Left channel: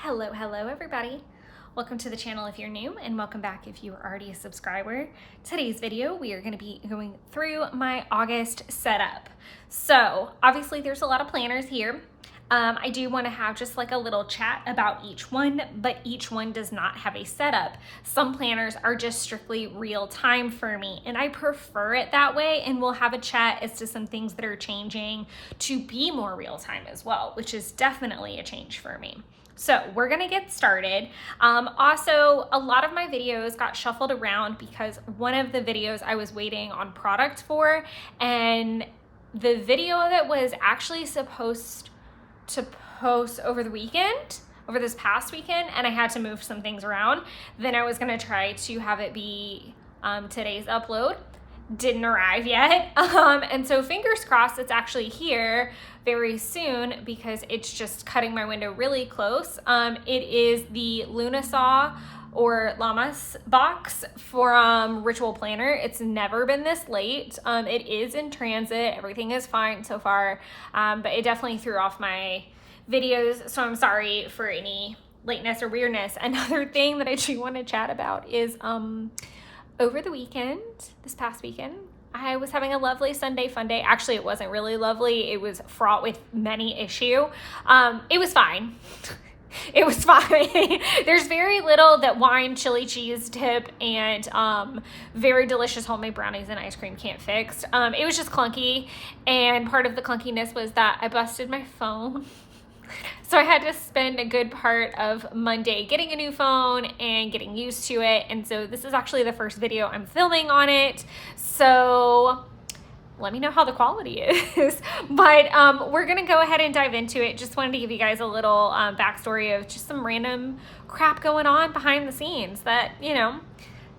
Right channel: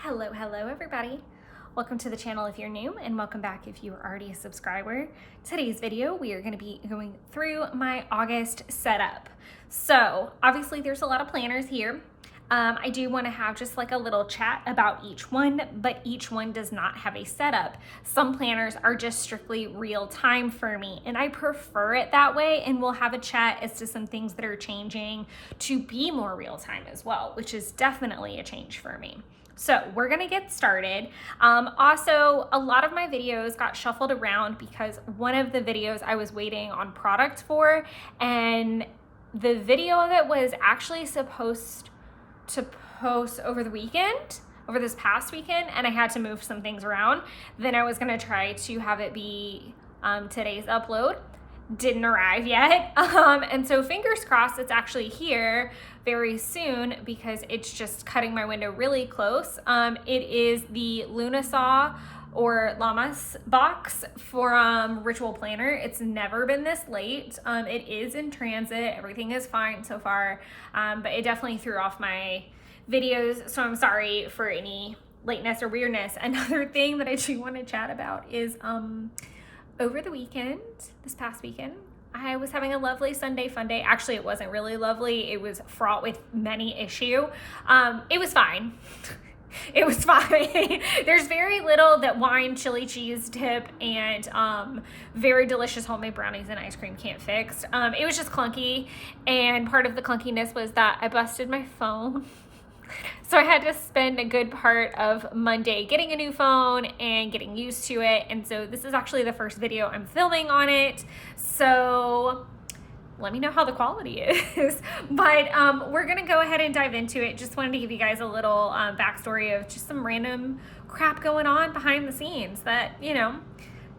Hello everybody. Welcome to the channel if you're new, and welcome back if you are already a subscriber. Today's video, we are going to be going through my August setup. So obviously there's a lot of planners here. I do want to have just like a little chat about each one, but each one does not have a setup. Some planners are just strictly real time for me, and I prefer it that way, and we'll have a chat as to some things that are changing to be more real time as well, which is definitely a change for me. So we're gonna get started. Also, a lot of my videos got shuffled around because one of the videos I was waiting on product for, and the video that was actually supposed to post over the weekend, over this past weekend, and I had to move some things around. Then I was gonna try to have it be today's upload. Didn't arrive yet. And so fingers crossed it's actually here very soon, because it's just cutting my window really close. It is the Lunasaw or Llamas box for Ritual Planner. It's never been this late. It is in transit. Everything is fine so far, but it definitely threw off my videos, so I'm sorry for any lateness or weirdness. Another thing that I do want to chat about is over the weekend, this past weekend, I was having a lovely Sunday fun day. Actually, it wasn't really lovely. It was fraught with many issues. It was fine. It was fine. There's very little that wine, chili cheese dip, and very delicious homemade brownies and ice cream can't fix. It was just clunky, and part of the clunkiness was that I busted my phone. So I had to spend a good part of Monday getting a new phone and getting used to it. And so this is actually the first video I'm filming on it. So let me know how the quality is. But we're gonna go ahead and dive into it. Just wanted to give you guys a little backstory of just some random crap going on behind the scenes that, you know,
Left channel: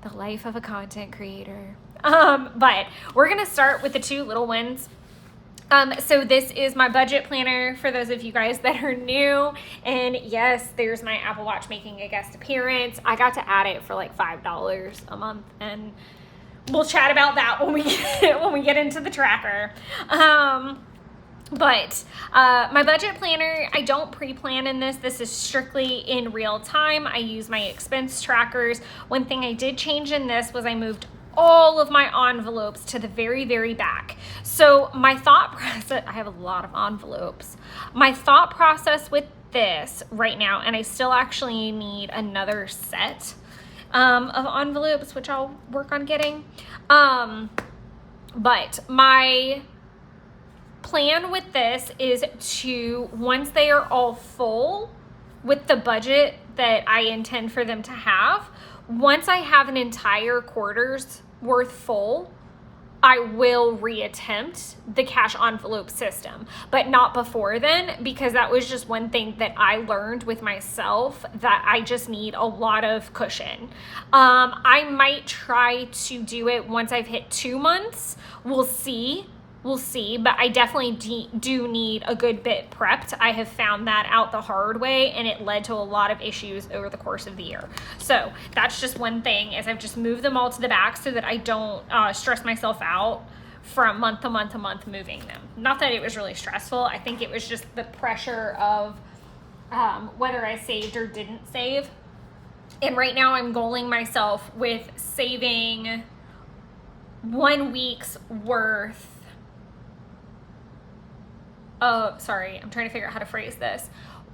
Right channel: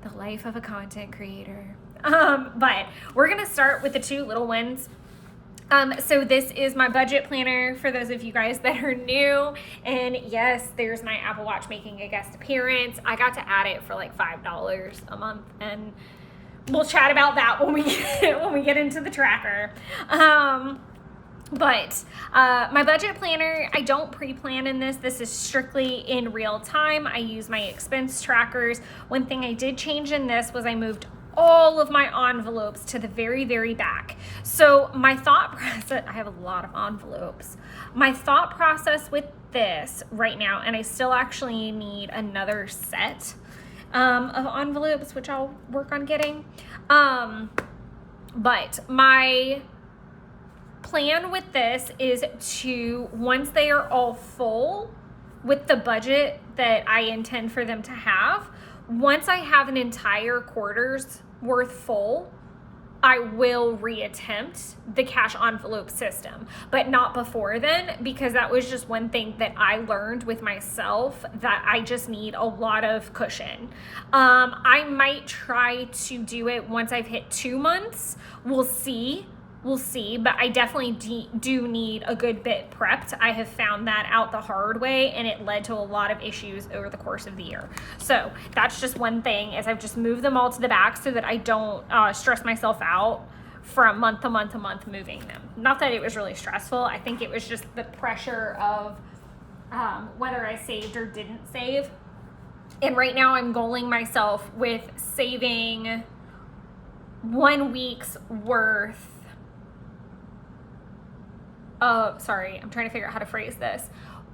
the life of a content creator. But we're gonna start with the two little ones. So this is my budget planner for those of you guys that are new. And yes, there's my Apple Watch making a guest appearance. I got to add it for like $5 a month, and we'll chat about that when we get into the tracker. But my budget planner, I don't pre-plan in this. This is strictly in real time. I use my expense trackers. One thing I did change in this was I moved all of my envelopes to the very, very back. So my thought process, I have a lot of envelopes. My thought process with this right now, and I still actually need another set of envelopes, which I'll work on getting. But my plan with this is to, once they are all full with the budget that I intend for them to have, once I have an entire quarter's worth full, I will reattempt the cash envelope system, but not before then, because that was just one thing that I learned with myself, that I just need a lot of cushion. I might try to do it once I've hit 2 months. We'll see, but I definitely do need a good bit prepped. I have found that out the hard way, and it led to a lot of issues over the course of the year. So that's just one thing, is I've just moved them all to the back so that I don't stress myself out from month to month to month moving them. Not that it was really stressful. I think it was just the pressure of whether I saved or didn't save. And right now I'm goaling myself with saving 1 week's worth. Sorry, I'm trying to figure out how to phrase this.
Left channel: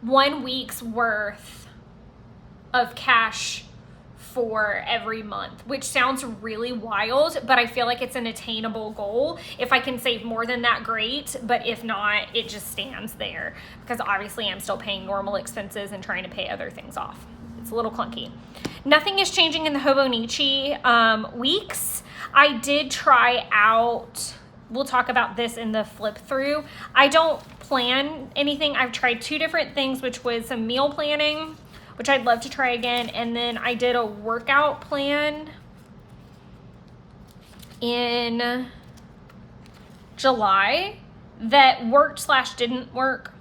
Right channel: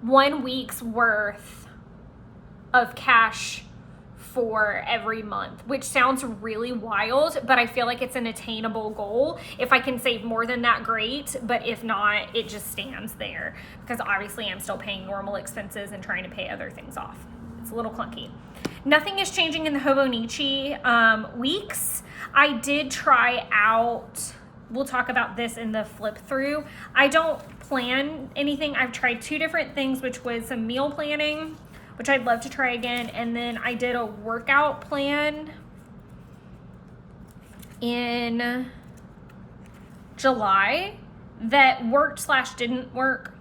1 week's worth of cash for every month, which sounds really wild, but I feel like it's an attainable goal. If I can save more than that, great, but if not, it just stands there, because obviously I'm still paying normal expenses and trying to pay other things off. It's a little clunky. Nothing is changing in the Hobonichi weeks. I did try out, we'll talk about this in the flip through. I don't plan anything. I've tried 2 different things, which was some meal planning, which I'd love to try again. And then I did a workout plan in July that worked / didn't work.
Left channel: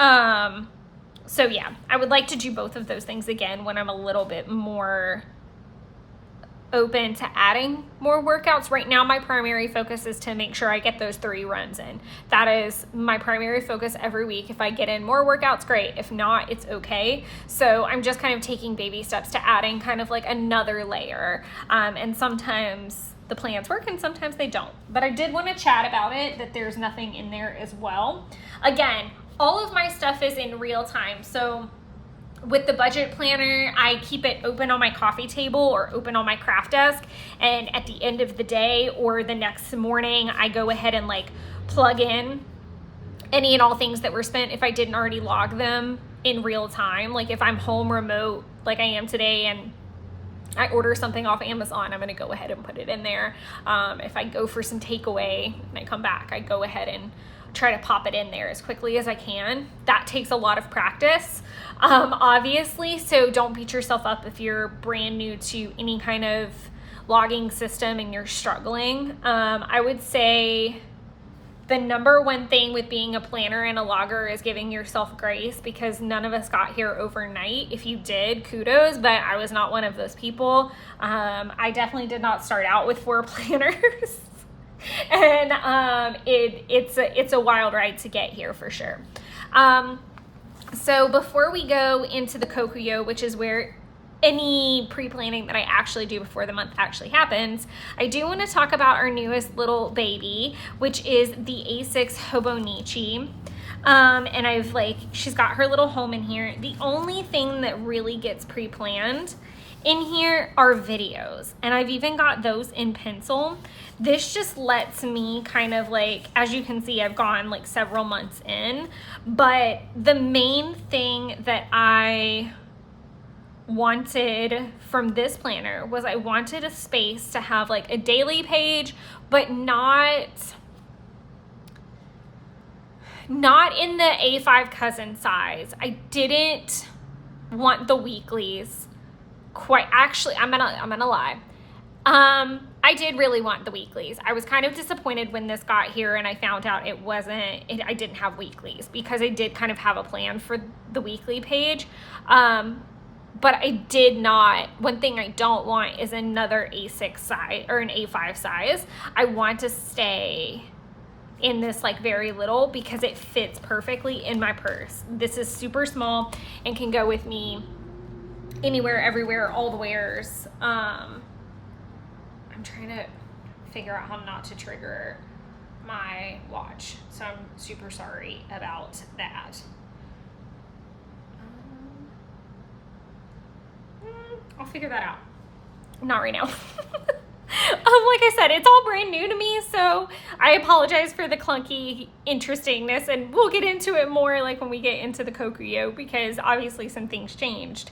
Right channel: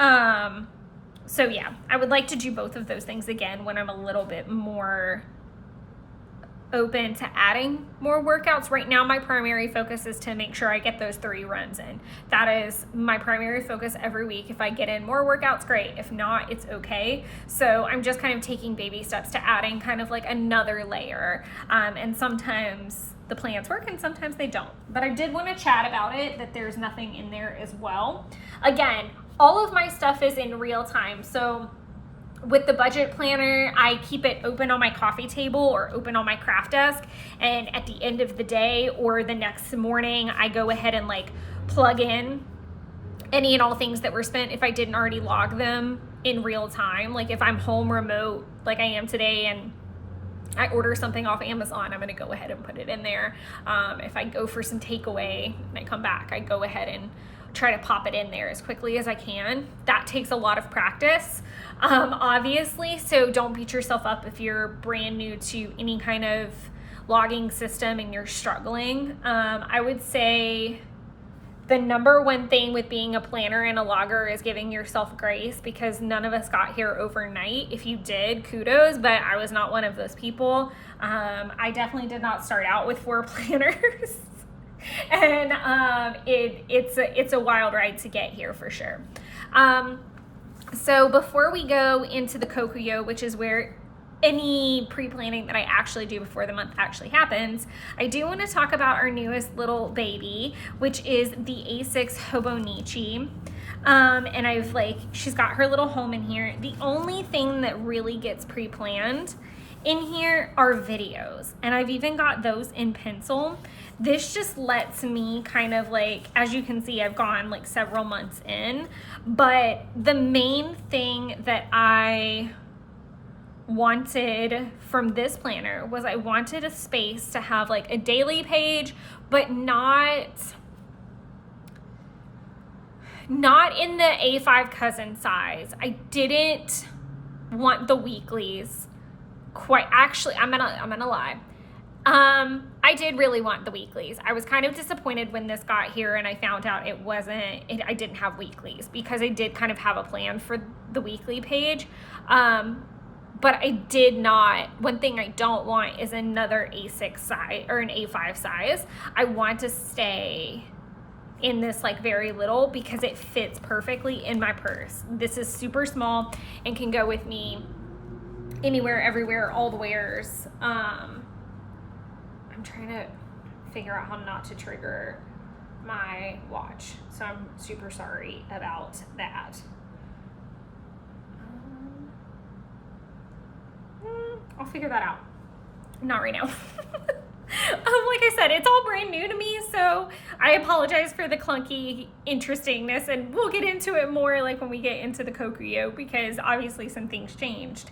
So yeah, I would like to do both of those things again when I'm a little bit more open to adding more workouts. Right now, my primary focus is to make sure I get those 3 runs in. That is my primary focus every week. If I get in more workouts, great. If not, it's okay. So I'm just kind of taking baby steps to adding kind of like another layer. And sometimes the plans work and sometimes they don't. But I did want to chat about it, that there's nothing in there as well. Again, all of my stuff is in real time. So with the budget planner, I keep it open on my coffee table or open on my craft desk. And at the end of the day or the next morning, I go ahead and like plug in any and all things that were spent if I didn't already log them in real time. Like if I'm home remote, like I am today, and I order something off Amazon, I'm going to go ahead and put it in there. If I go for some takeaway and I come back, I go ahead and try to pop it in there as quickly as I can. That takes a lot of practice, obviously. So don't beat yourself up if you're brand new to any kind of logging system and you're struggling. I would say the number one thing with being a planner and a logger is giving yourself grace, because none of us got here overnight. If you did, kudos, but I was not one of those people. I definitely did not start out with 4 planners. And it's a wild ride to get here for sure. So before we go into the Kokuyo, which is where any pre-planning that I actually do before the month actually happens, I do want to talk about our newest little baby, which is the A6 Hobonichi. And she's got her little home in here. The only thing that really gets pre-planned in here are videos, and I've even got those in pencil. This just lets me kind of like, as you can see, I've gone like several months in, but the main thing that I wanted from this planner was I wanted a space to have like a daily page, but not in the A5 cousin size. I didn't want the weeklies quite. Actually, I'm gonna lie. I did really want the weeklies. I was kind of disappointed when this got here and I found out I didn't have weeklies, because I did kind of have a plan for the weekly page. But I did not. One thing I don't want is another A6 size or an A5 size. I want to stay in this like very little, because it fits perfectly in my purse. This is super small and can go with me anywhere, everywhere, all the wears. I'm trying to figure out how not to trigger my watch, so I'm super sorry about that. I'll figure that out. Not right now. Like I said, it's all brand new to me, so I apologize for the clunky interestingness, and we'll get into it more like when we get into the Kokuyo, because obviously some things changed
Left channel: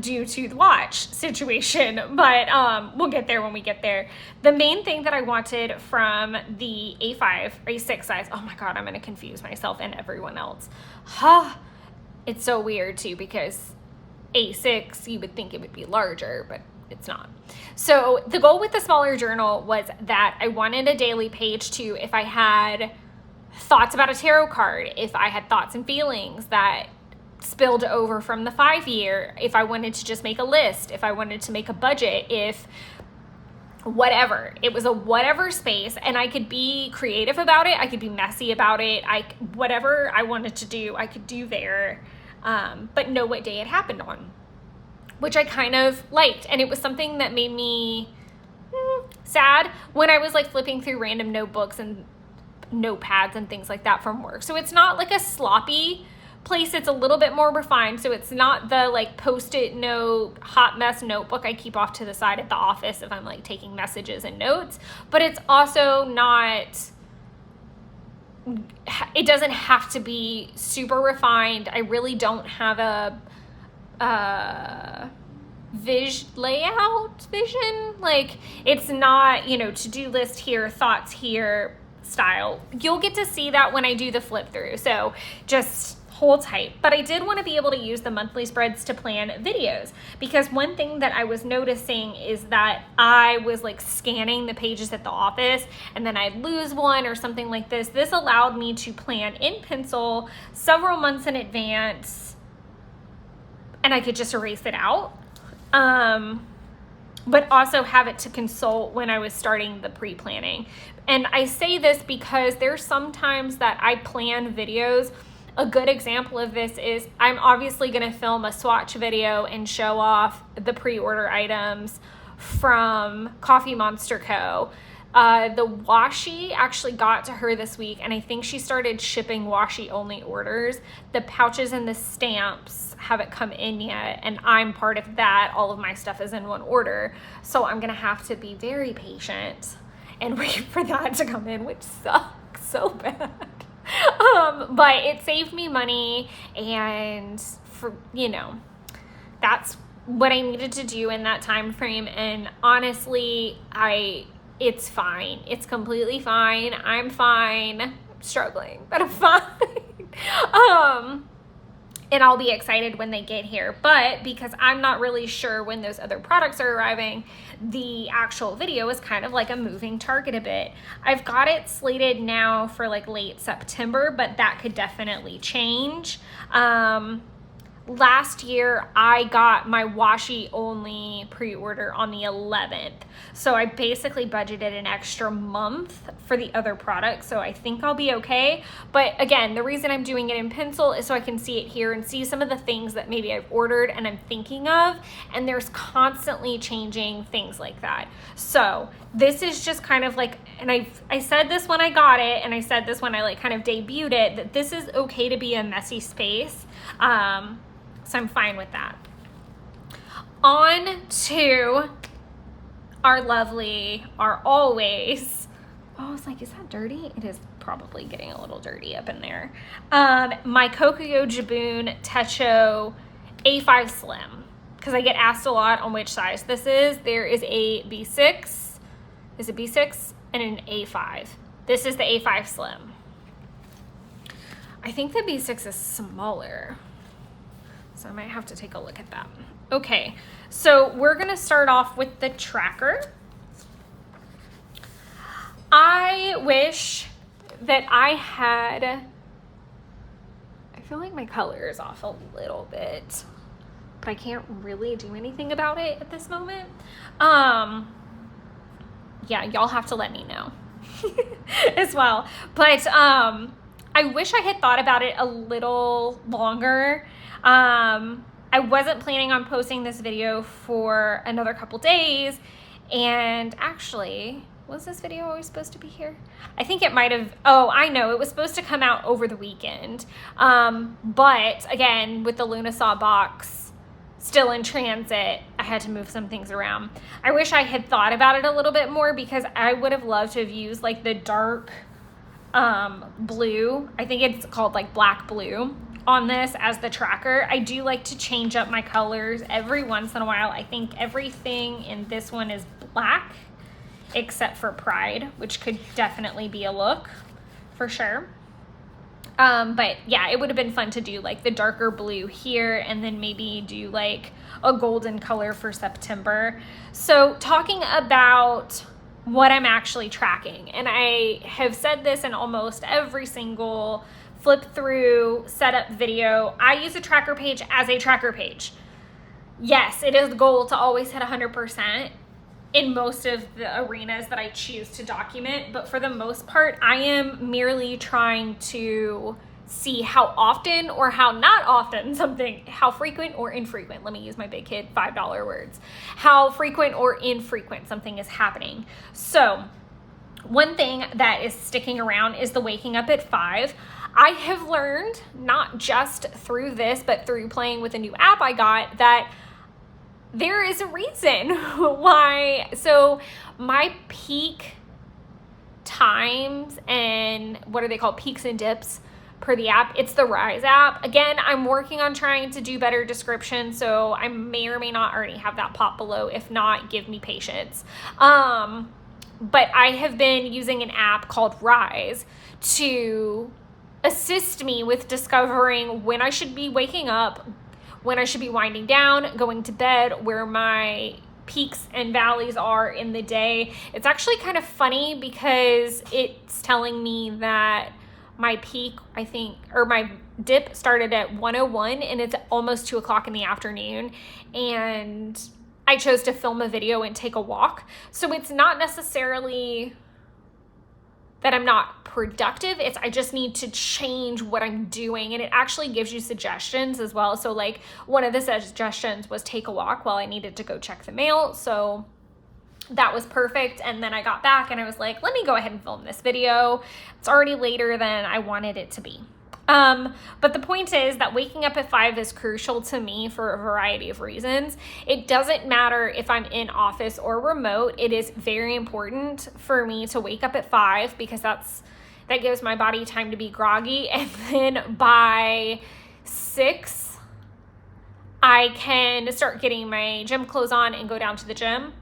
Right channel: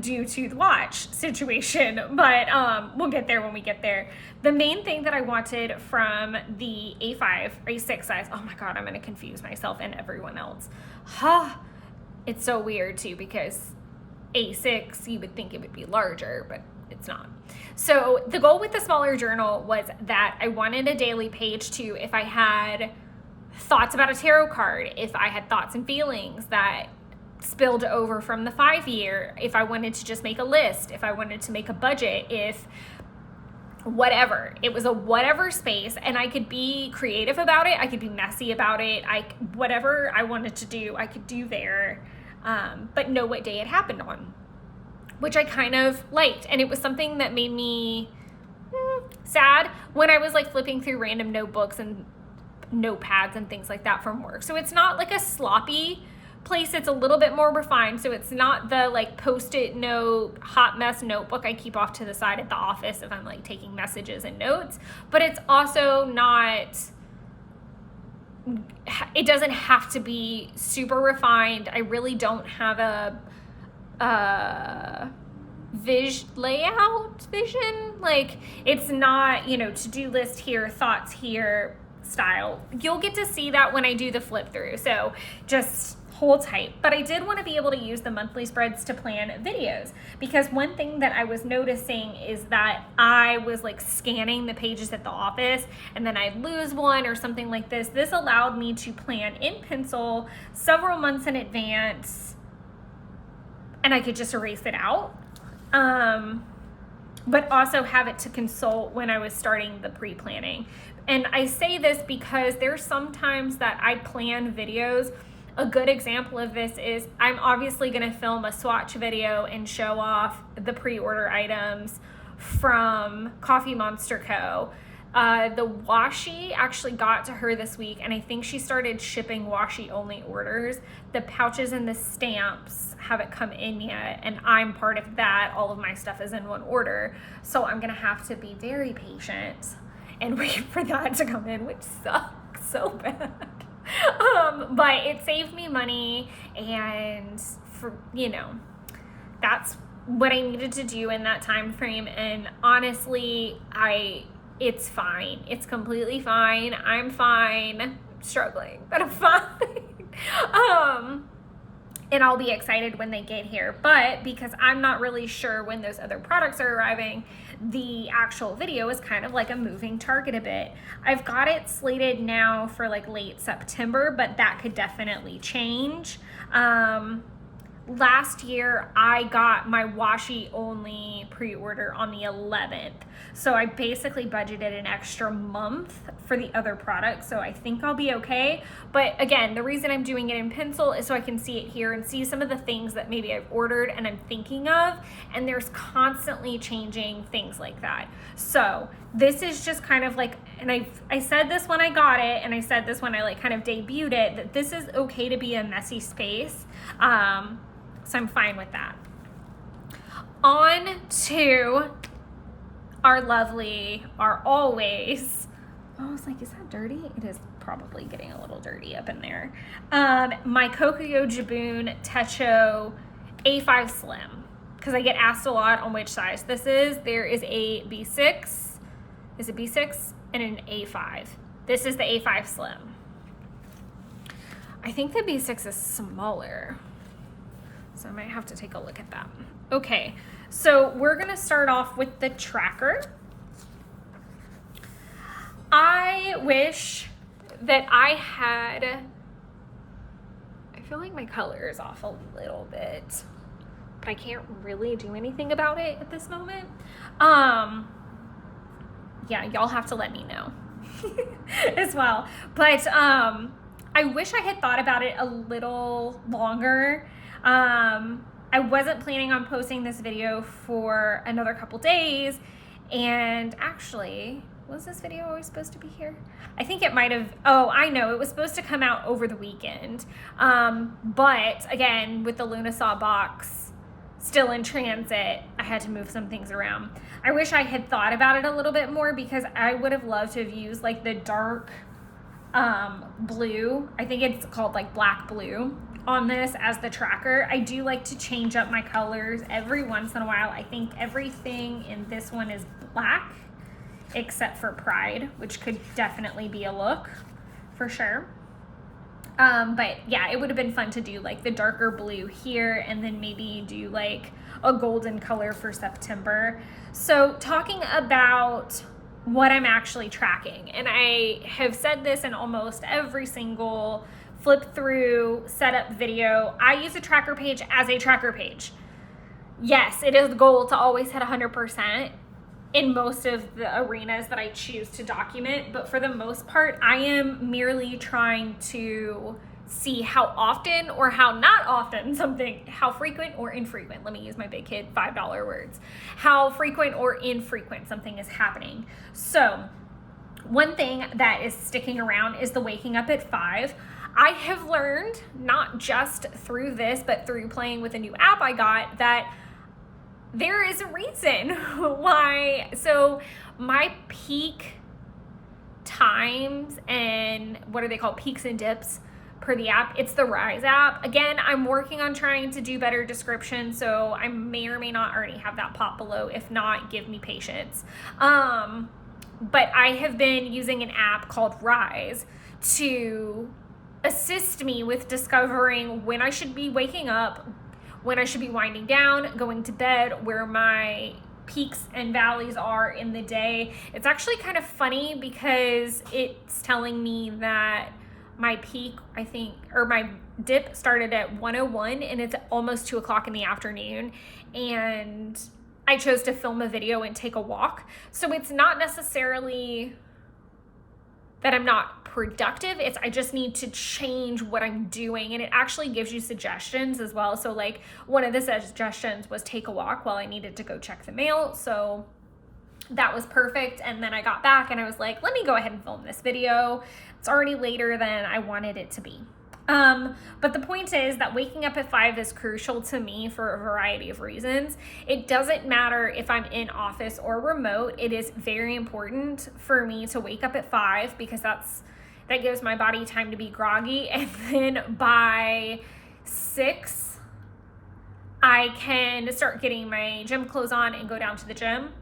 due to the watch situation, but we'll get there when we get there. The main thing that I wanted from the A5 or A6 size, oh my god, I'm going to confuse myself and everyone else. It's so weird too, because A6, you would think it would be larger, but it's not. So the goal with the smaller journal was that I wanted a daily page too. If I had thoughts about a tarot card, if I had thoughts and feelings that spilled over from the 5-year, if I wanted to just make a list, if I wanted to make a budget, if whatever, it was a whatever space, and I could be creative about it. I could be messy about it. Whatever I wanted to do, I could do there, but know what day it happened on, which I kind of liked. And it was something that made me sad when I was like flipping through random notebooks and notepads and things like that from work. So it's not like a sloppy place. It's a little bit more refined. So it's not the like post-it note, hot mess notebook I keep off to the side at the office if I'm like taking messages and notes, but it's also not, it doesn't have to be super refined. I really don't have a layout vision. Like, it's not, to-do list here, thoughts here style. You'll get to see that when I do the flip through, so just hold tight. But I did want to be able to use the monthly spreads to plan videos, because one thing that I was noticing is that I was like scanning the pages at the office and then I'd lose one or something like this. This allowed me to plan in pencil several months in advance, and I could just erase it out. but also have it to consult when I was starting the pre-planning. And I say this because there's sometimes that I plan videos. A good example of this is I'm obviously going to film a swatch video and show off the pre-order items from Coffee Monster Co. The washi actually got to her this week, and I think she started shipping washi only orders. The pouches and the stamps haven't come in yet, and I'm part of that. All of my stuff is in one order, so I'm gonna have to be very patient and wait for that to come in, which sucks so bad. But it saved me money, and for, you know, that's what I needed to do in that time frame. And honestly, it's fine. It's completely fine. I'm fine. I'm struggling, but I'm fine. And I'll be excited when they get here. But because I'm not really sure when those other products are arriving, the actual video is kind of like a moving target a bit. I've got it slated now for like late September, but that could definitely change. Last year, I got my washi only pre-order on the 11th. So I basically budgeted an extra month for the other products. So I think I'll be okay. But again, the reason I'm doing it in pencil is so I can see it here and see some of the things that maybe I've ordered and I'm thinking of. And there's constantly changing things like that. So this is just kind of like, and I said this when I got it, and I said this when I like kind of debuted it, that this is okay to be a messy space. So I'm fine with that. On to our lovely, our always, oh, I was like, is that dirty? It is probably getting a little dirty up in there. My Kokuyo Jibun Techo A5 Slim, because I get asked a lot on which size this is. There is a B6, is it B6? And an A5. This is the A5 Slim. I think the B6 is smaller, so I might have to take a look at that. Okay, so we're gonna start off with the tracker. I wish that I had, I feel like my color is off a little bit, but I can't really do anything about it at this moment. Yeah, y'all have to let me know as well. But I wish I had thought about it a little longer. I wasn't planning on posting this video for another couple days, and actually, was this video always supposed to be here? I think it might have, oh, I know, it was supposed to come out over the weekend. But again, with the Lunasaw box still in transit, I had to move some things around. I wish I had thought about it a little bit more, because I would have loved to have used like the dark blue. I think it's called like black blue on this as the tracker. I do like to change up my colors every once in a while. I think everything in this one is black except for Pride, which could definitely be a look for sure. But yeah, it would have been fun to do like the darker blue here, and then maybe do like a golden color for September. So talking about what I'm actually tracking, and I have said this in almost every single flip through setup video, I use a tracker page as a tracker page. Yes, it is the goal to always hit 100% in most of the arenas that I choose to document, but for the most part, I am merely trying to see how often or how not often something, how frequent or infrequent, let me use my big kid $5 words, how frequent or infrequent something is happening. So one thing that is sticking around is the waking up at 5. I have learned, not just through this, but through playing with a new app I got, that there is a reason why. So my peak times, and what are they called, peaks and dips per the app, it's the Rise app. Again, I'm working on trying to do better description, so I may or may not already have that pop below. If not, give me patience. But I have been using an app called Rise to assist me with discovering when I should be waking up, when I should be winding down, going to bed, where my peaks and valleys are in the day. It's actually kind of funny because it's telling me that my peak, I think, or my dip started at 1:01 and it's almost 2 o'clock in the afternoon. And I chose to film a video and take a walk. So it's not necessarily that I'm not productive. It's I just need to change what I'm doing. And it actually gives you suggestions as well. So like one of the suggestions was take a walk while I needed to go check the mail. So that was perfect. And then I got back and I was like, let me go ahead and film this video. It's already later than I wanted it to be. But the point is that waking up at 5 is crucial to me for a variety of reasons. It doesn't matter if I'm in office or remote. It is very important for me to wake up at 5 because that gives my body time to be groggy. And then by 6, I can start getting my gym clothes on and go down to the gym,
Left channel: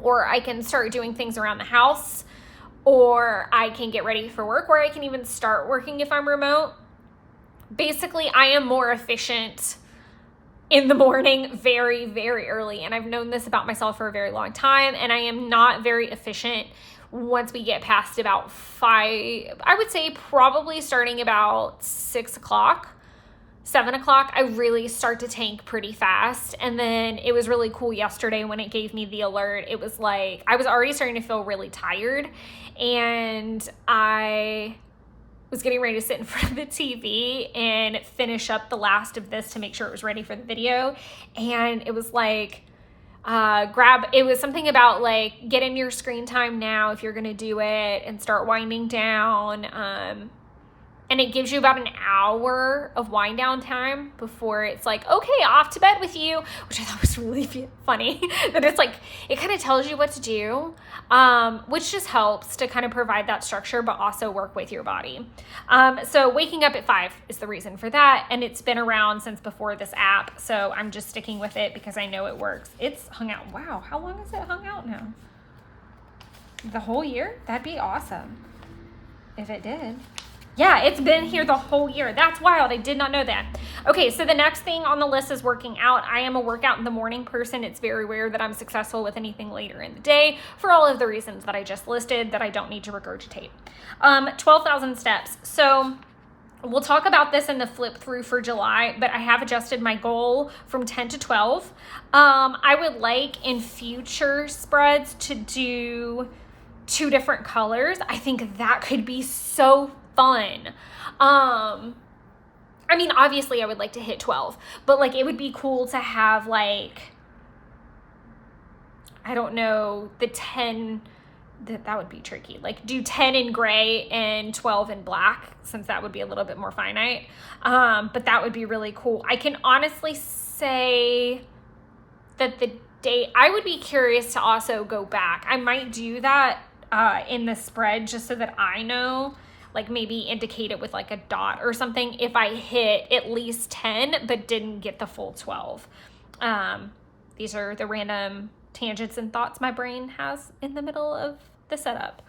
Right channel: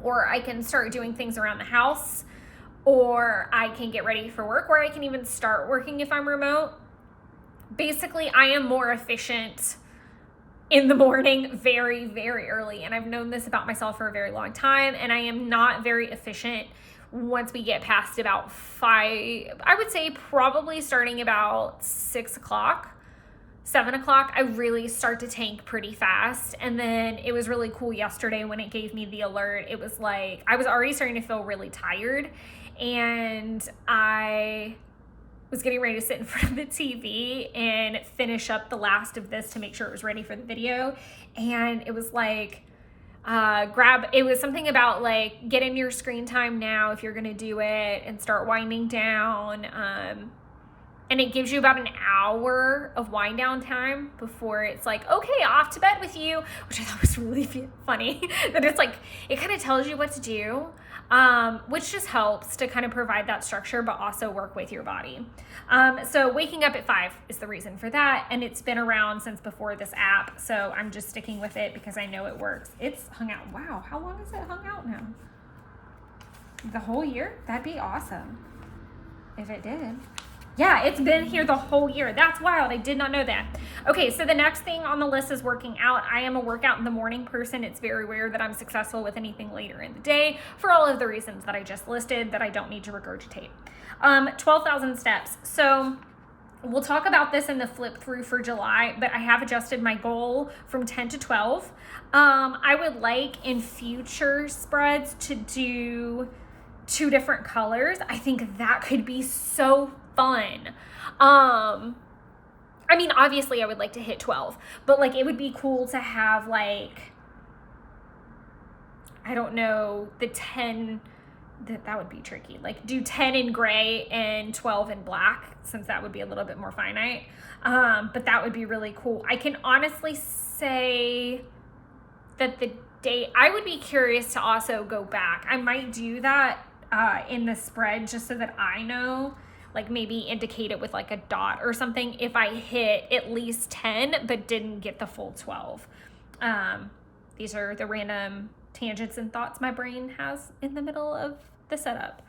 or I can start doing things around the house, or I can get ready for work, or I can even start working if I'm remote. Basically, I am more efficient in the morning very, very early. And I've known this about myself for a very long time. And I am not very efficient once we get past about 5, I would say probably starting about 6 o'clock, 7 o'clock, I really start to tank pretty fast. And then it was really cool yesterday when it gave me the alert. It was like, I was already starting to feel really tired. And I was getting ready to sit in front of the TV and finish up the last of this to make sure it was ready for the video. And it was like, it was something about like, get in your screen time now if you're going to do it and start winding down. And it gives you about an hour of wind down time before it's like, okay, off to bed with you, which I thought was really funny. That it's like, it kind of tells you what to do, which just helps to kind of provide that structure, but also work with your body. So waking up at 5 is the reason for that. And it's been around since before this app. So I'm just sticking with it because I know it works. It's hung out. Wow. How long has it hung out now? The whole year? That'd be awesome if it did. Yeah, it's been here the whole year. That's wild. I did not know that. Okay, so the next thing on the list is working out. I am a workout in the morning person. It's very rare that I'm successful with anything later in the day for all of the reasons that I just listed that I don't need to regurgitate. 12,000 steps. So we'll talk about this in the flip through for July, but I have adjusted my goal from 10 to 12. I would like in future spreads to do 2 different colors. I think that could be so fun. I mean, obviously I would like to hit 12, but like, it would be cool to have like, I don't know, the 10, that would be tricky. Like do 10 in gray and 12 in black, since that would be a little bit more finite. But that would be really cool. I can honestly say that the date, I would be curious to also go back. I might do that in the spread just so that I know, like maybe indicate it with like a dot or something if I hit at least 10 but didn't get the full 12. These are the random tangents and thoughts my brain has in the middle of the setup.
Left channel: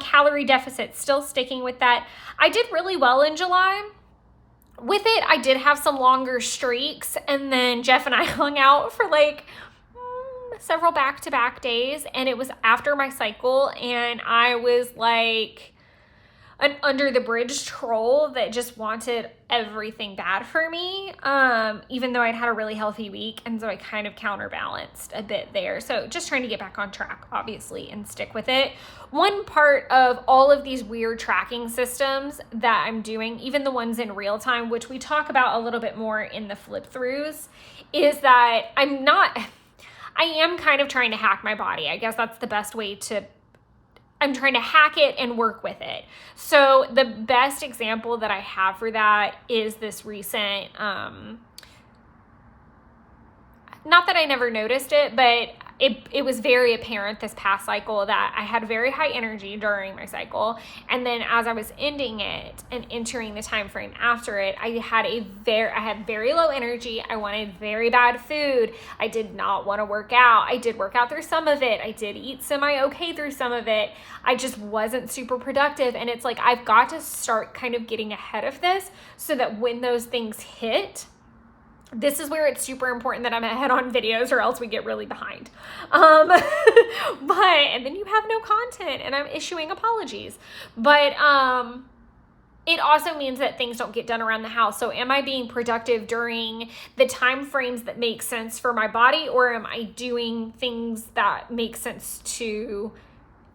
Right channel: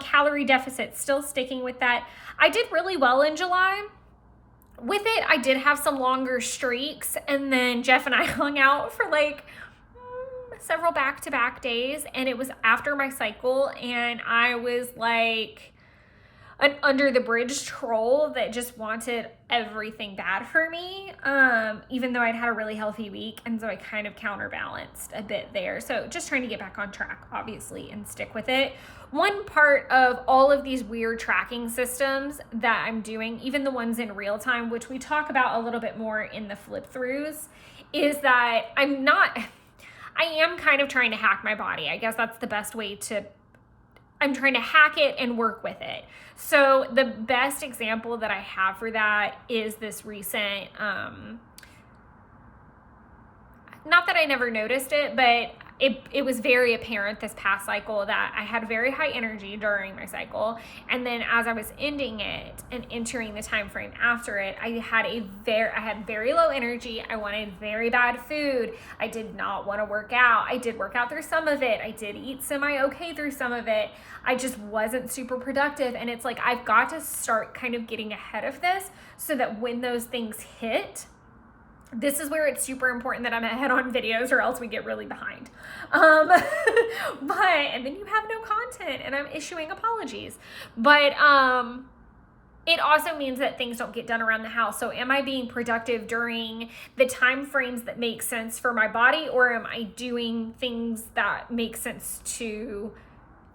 Calorie deficit, still sticking with that. I did really well in July. With it, I did have some longer streaks, and then Jeff and I hung out for like several back-to-back days, and it was after my cycle, and I was like an under the bridge troll that just wanted everything bad for me, even though I'd had a really healthy week. And so I kind of counterbalanced a bit there. So just trying to get back on track, obviously, and stick with it. One part of all of these weird tracking systems that I'm doing, even the ones in real time, which we talk about a little bit more in the flip throughs, is that I am kind of trying to hack my body. I guess that's the best way to, I'm trying to hack it and work with it. So the best example that I have for that is this recent, not that I never noticed it, but it was very apparent this past cycle that I had very high energy during my cycle. And then as I was ending it and entering the time frame after it, I had very low energy. I wanted very bad food. I did not want to work out. I did work out through some of it. I did eat semi-okay through some of it. I just wasn't super productive. And it's like, I've got to start kind of getting ahead of this so that when those things hit, this is where it's super important that I'm ahead on videos or else we get really behind. And then you have no content and I'm issuing apologies. But it also means that things don't get done around the house. So am I being productive during the time frames that make sense for my body, or am I doing things that make sense to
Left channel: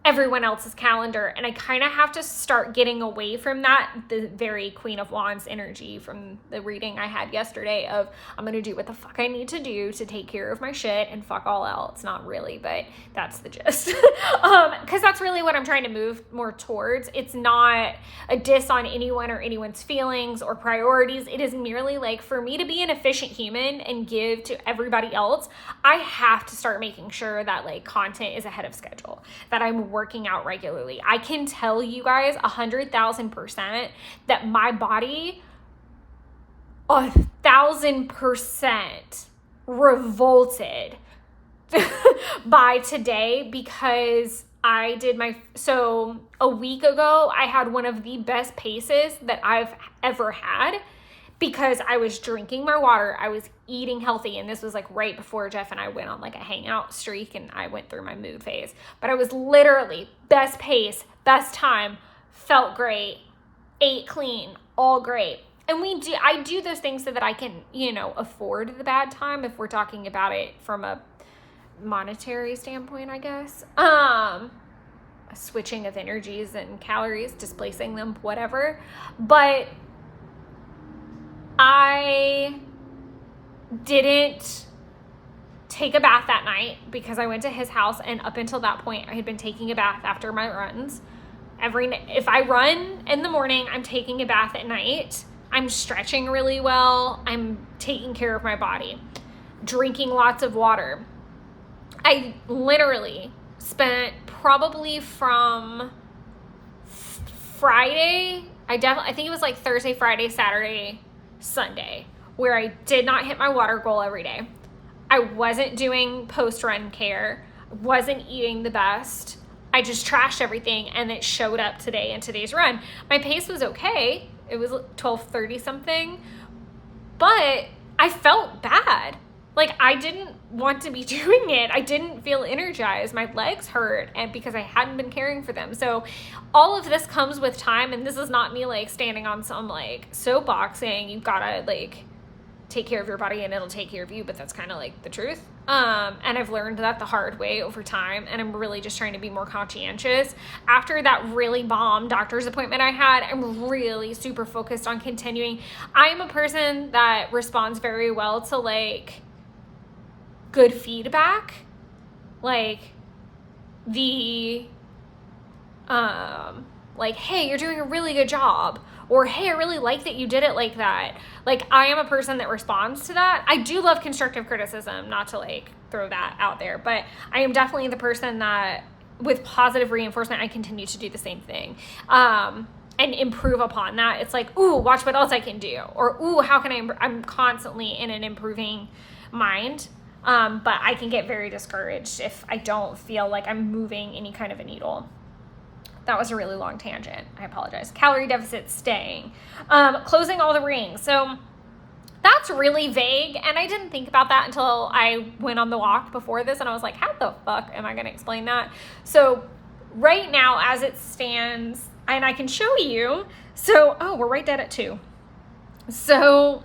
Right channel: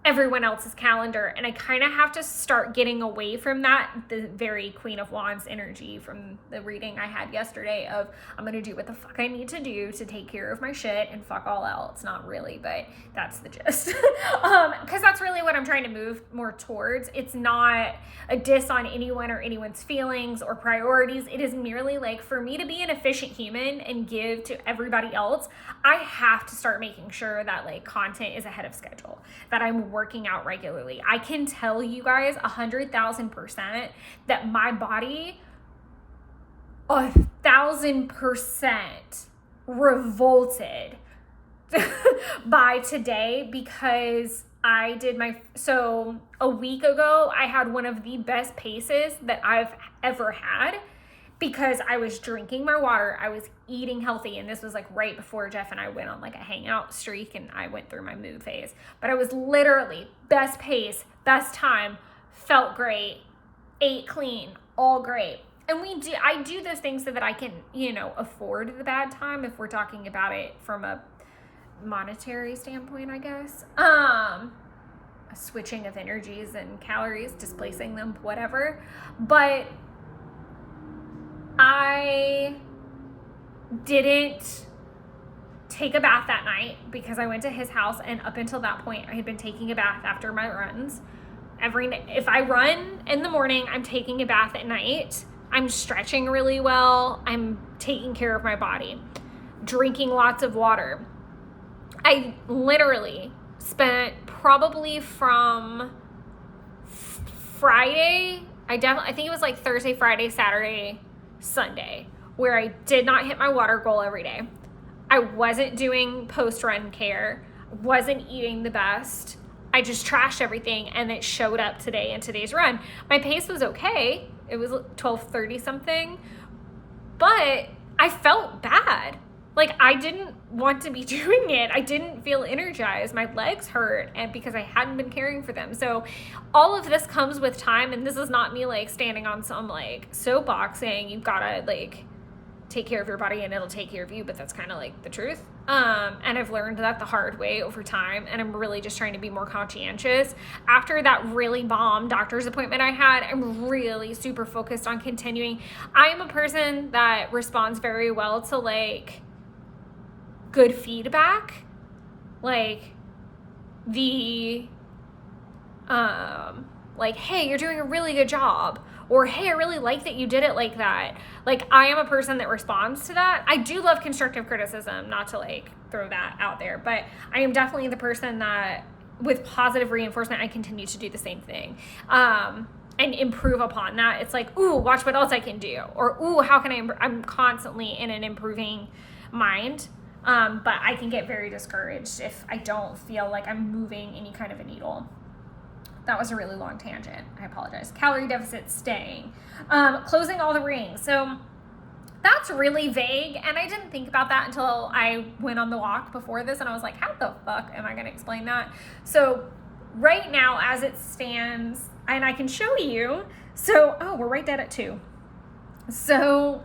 everyone else's calendar? And I kind of have to start getting away from that, the very Queen of Wands energy from the reading I had yesterday of I'm gonna do what the fuck I need to do to take care of my shit and fuck all else. Not really, but that's the gist. Because that's really what I'm trying to move more towards. It's not a diss on anyone or anyone's feelings or priorities. It is merely like, for me to be an efficient human and give to everybody else, I have to start making sure that like content is ahead of schedule, that I'm working out regularly. I can tell you guys 100,000% that my body 1,000% revolted by today, because I did so a week ago, I had one of the best paces that I've ever had, because I was drinking my water, I was eating healthy, and this was like right before Jeff and I went on like a hangout streak and I went through my mood phase. But I was literally best pace, best time, felt great, ate clean, all great. And I do those things so that I can, afford the bad time, if we're talking about it from a monetary standpoint, I guess. A switching of energies and calories, displacing them, whatever. But I didn't take a bath that night because I went to his house, and up until that point I had been taking a bath after my runs. If I run in the morning, I'm taking a bath at night. I'm stretching really well. I'm taking care of my body, drinking lots of water. I literally spent probably from Friday, I think it was like Thursday, Friday, Saturday, Sunday, where I did not hit my water goal every day. I wasn't doing post-run care, wasn't eating the best. I just trashed everything, and it showed up today in today's run. My pace was okay. It was 12:30 something, but I felt bad. Like, I didn't want to be doing it. I didn't feel energized. My legs hurt, and because I hadn't been caring for them. So all of this comes with time, and this is not me like standing on some like soapbox saying you've got to like take care of your body and it'll take care of you, but that's kind of like the truth. And I've learned that the hard way over time, and I'm really just trying to be more conscientious. After that really bomb doctor's appointment I had, I'm really super focused on continuing. I am a person that responds very well to like good feedback, like like, hey, you're doing a really good job, or hey, I really like that you did it like that. Like, I am a person that responds to that. I do love constructive criticism, not to like throw that out there, but I am definitely the person that with positive reinforcement, I continue to do the same thing. And improve upon that. It's like, ooh, watch what else I can do, or ooh, how can I'm constantly in an improving mind. But I can get very discouraged if I don't feel like I'm moving any kind of a needle. That was a really long tangent. I apologize. Calorie deficit staying. Closing all the rings. So that's really vague, and I didn't think about that until I went on the walk before this, and I was like, how the fuck am I going to explain that? So right now, as it stands, and I can show you. So, we're right dead at 2. So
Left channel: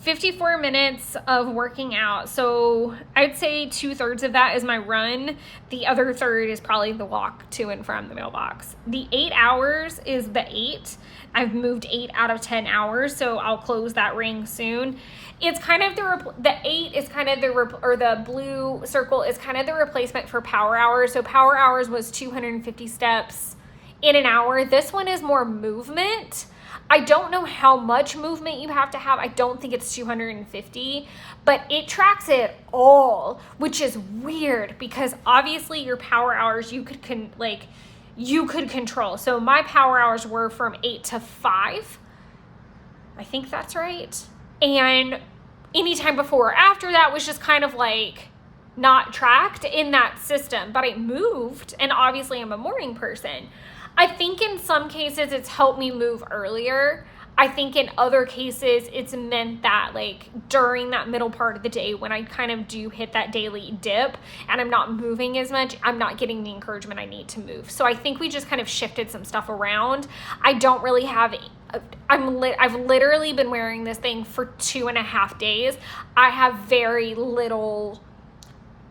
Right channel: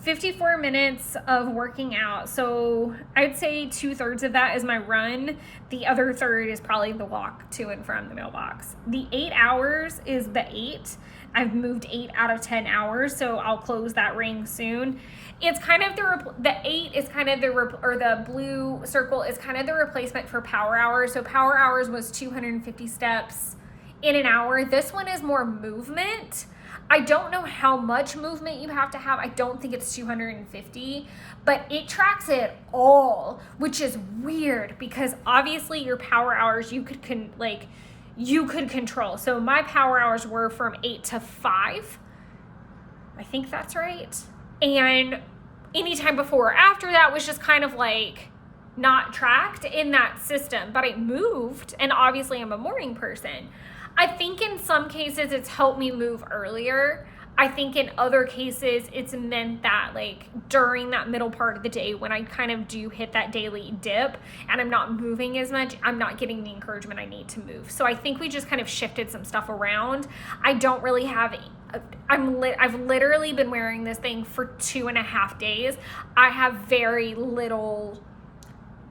54 minutes of working out. So I'd say 2/3 of that is my run. The other third is probably the walk to and from the mailbox. The 8 hours is the 8. I've moved 8 out of 10 hours, so I'll close that ring soon. It's kind of the 8 is kind of the blue circle is kind of the replacement for power hours. So power hours was 250 steps in an hour. This one is more movement. I don't know how much movement you have to have. I don't think it's 250, but it tracks it all, which is weird because obviously your power hours you could control. So my power hours were from 8 to 5. I think that's right. And anytime before or after that was just kind of like not tracked in that system, but it moved. And obviously I'm a morning person. I think in some cases it's helped me move earlier. I think in other cases it's meant that like during that middle part of the day when I kind of do hit that daily dip and I'm not moving as much, I'm not getting the encouragement I need to move. So I think we just kind of shifted some stuff around. I don't really have I've literally been wearing this thing for 2.5 days. I have very little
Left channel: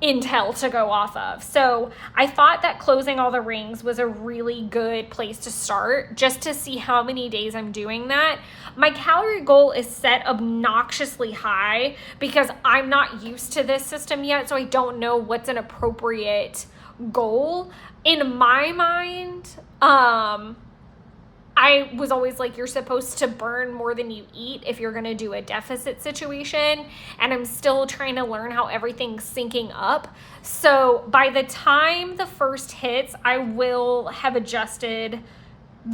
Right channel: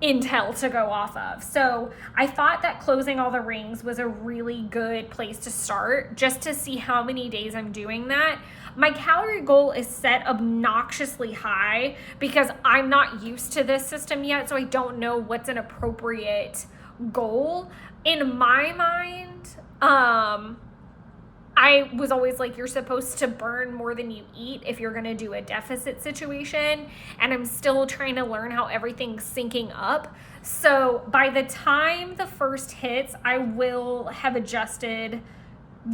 intel to go off of. So I thought that closing all the rings was a really good place to start, just to see how many days I'm doing that. My calorie goal is set obnoxiously high because I'm not used to this system yet, so I don't know what's an appropriate goal. In my mind, I was always like, you're supposed to burn more than you eat if you're going to do a deficit situation. And I'm still trying to learn how everything's syncing up. So by the time the first hits, I will have adjusted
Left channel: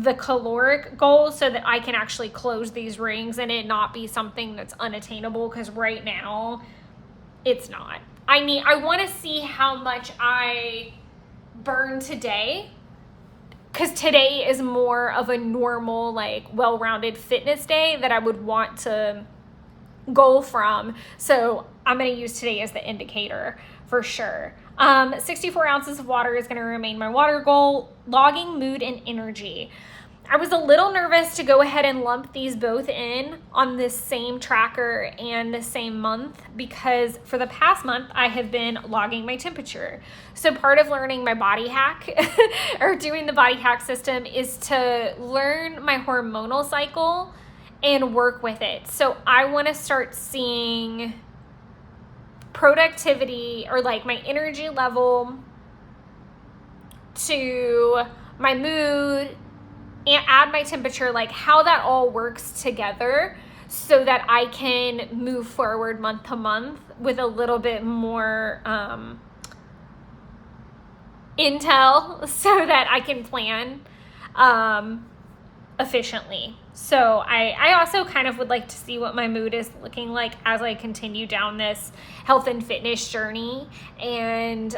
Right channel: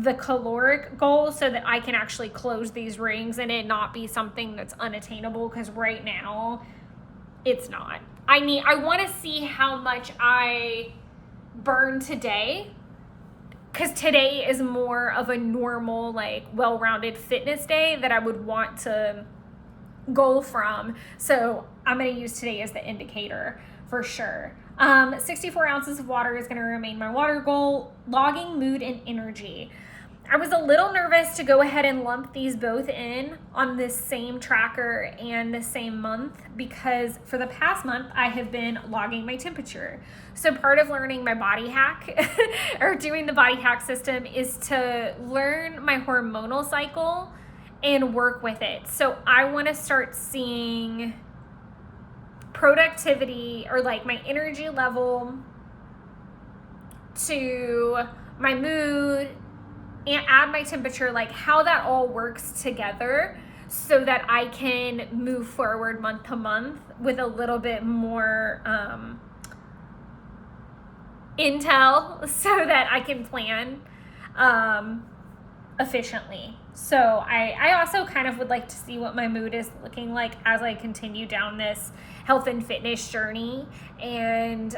the caloric goal so that I can actually close these rings and it not be something that's unattainable. Because right now it's not. I want to see how much I burn today, because today is more of a normal, like, well-rounded fitness day that I would want to goal from. So I'm going to use today as the indicator for sure. 64 ounces of water is going to remain my water goal. Logging mood and energy. I was a little nervous to go ahead and lump these both in on this same tracker and the same month, because for the past month I have been logging my temperature. So part of learning my body hack or doing the body hack system is to learn my hormonal cycle and work with it. So I want to start seeing productivity, or like my energy level, to my mood, and add my temperature, like how that all works together so that I can move forward month to month with a little bit more intel so that I can plan efficiently. So I also kind of would like to see what my mood is looking like as I continue down this health and fitness journey. And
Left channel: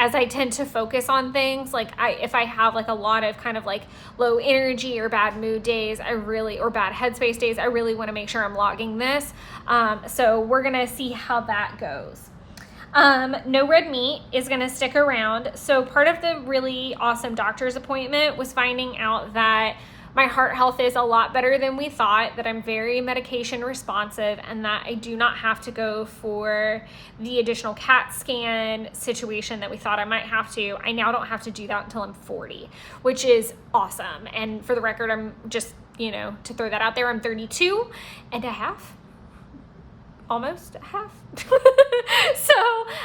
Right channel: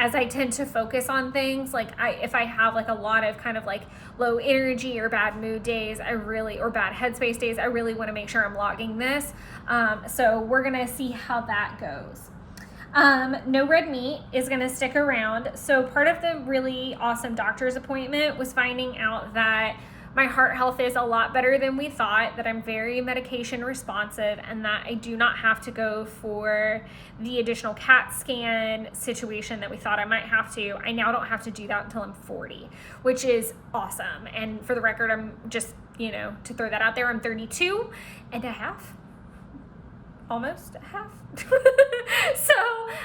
as I tend to focus on things, like if I have like a lot of kind of like low energy or bad mood days, or bad headspace days, I really want to make sure I'm logging this. So we're going to see how that goes. No red meat is going to stick around. So part of the really awesome doctor's appointment was finding out that my heart health is a lot better than we thought, that I'm very medication responsive, and that I do not have to go for the additional CAT scan situation that we thought I might have to. I now don't have to do that until I'm 40, which is awesome. And for the record, I'm just, to throw that out there, I'm 32 and a half. Almost half. So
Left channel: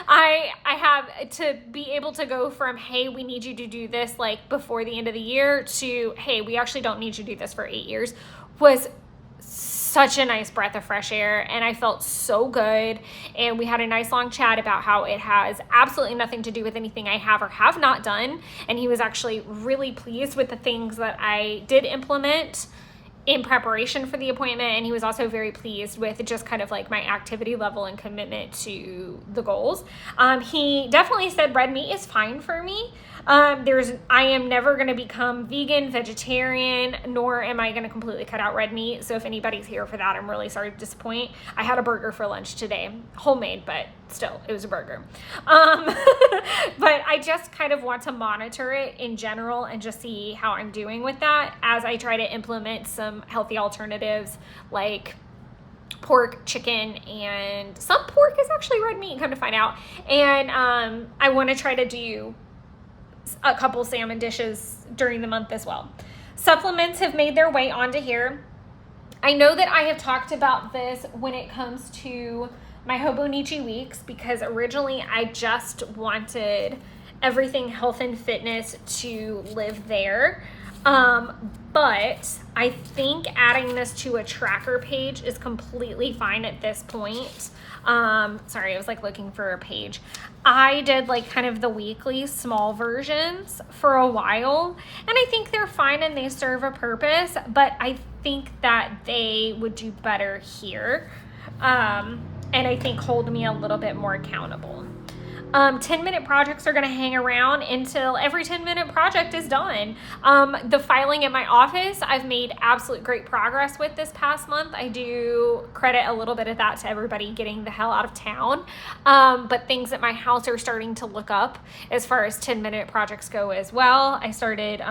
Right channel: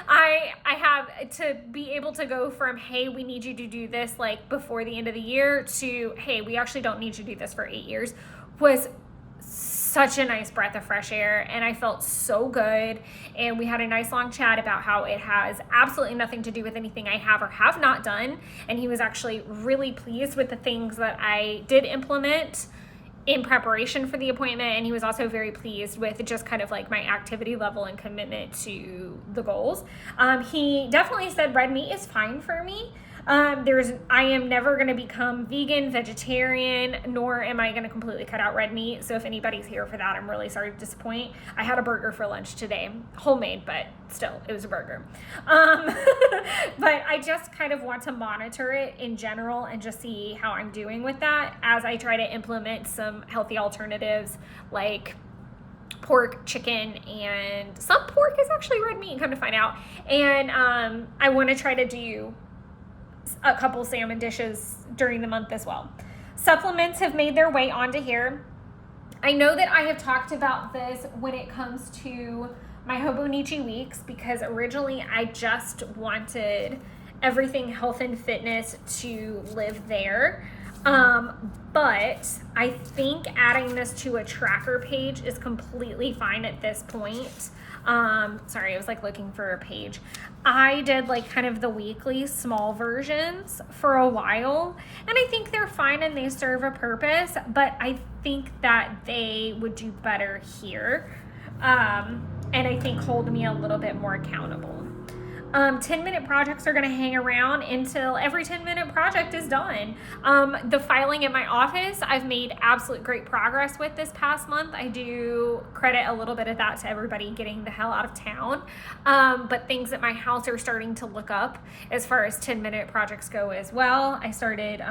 I have to be able to go from, hey, we need you to do this like before the end of the year, to, hey, we actually don't need you to do this for 8 years, was such a nice breath of fresh air. And I felt so good. And we had a nice long chat about how it has absolutely nothing to do with anything I have or have not done. And he was actually really pleased with the things that I did implement in preparation for the appointment, and he was also very pleased with just kind of like my activity level and commitment to the goals. He definitely said red meat is fine for me. I am never going to become vegan, vegetarian, nor am I going to completely cut out red meat. So if anybody's here for that, I'm really sorry to disappoint. I had a burger for lunch today, homemade, but still, it was a burger. But I just kind of want to monitor it in general and just see how I'm doing with that as I try to implement some healthy alternatives like pork, chicken, and some pork is actually red meat, come to find out. And I want to try to do a couple salmon dishes during the month as well. Supplements have made their way onto here. I know that I have talked about this when it comes to my Hobonichi weeks, because originally I just wanted everything health and fitness to live there. But I think adding this to a tracker page is completely fine at this point. Sorry, I was like looking for a page. I did like kind of the weekly small versions for a while, and I think they're fine and they serve a purpose, but I think that they would do better here. And I think hold me a little bit more accountable. 10-minute projects are going to hang around until every 10-minute project is done. The filing in my office, I've made absolute great progress with this past month. I do credit a little bit of that to everybody getting the hell out of town. But things at my house are starting to look up as far as 10-minute projects go as well. I started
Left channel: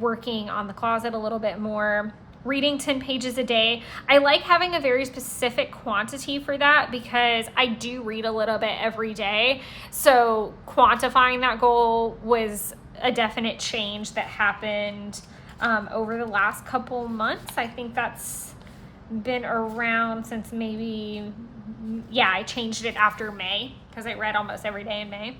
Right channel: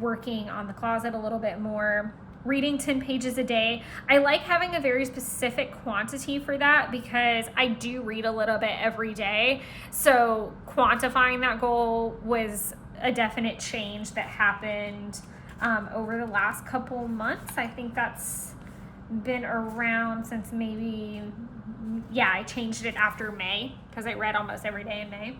working on the closet a little bit more, reading 10 pages a day. I like having a very specific quantity for that because I do read a little bit every day. So quantifying that goal was a definite change that happened over the last couple months. I think that's been around since maybe, yeah, I changed it after May because I read almost every day in May.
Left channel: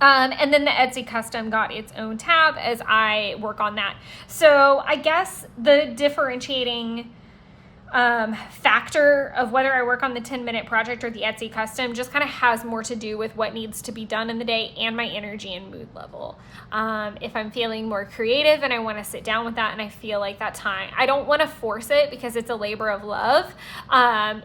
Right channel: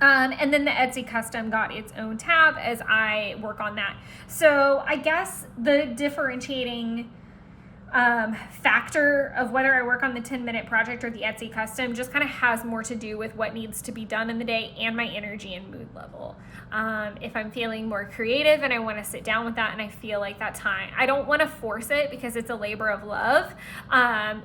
And then the Etsy custom got its own tab as I work on that. So I guess the differentiating factor of whether I work on the 10-minute project or the Etsy custom just kind of has more to do with what needs to be done in the day and my energy and mood level. If I'm feeling more creative and I want to sit down with that and I feel like that time, I don't want to force it because it's a labor of love.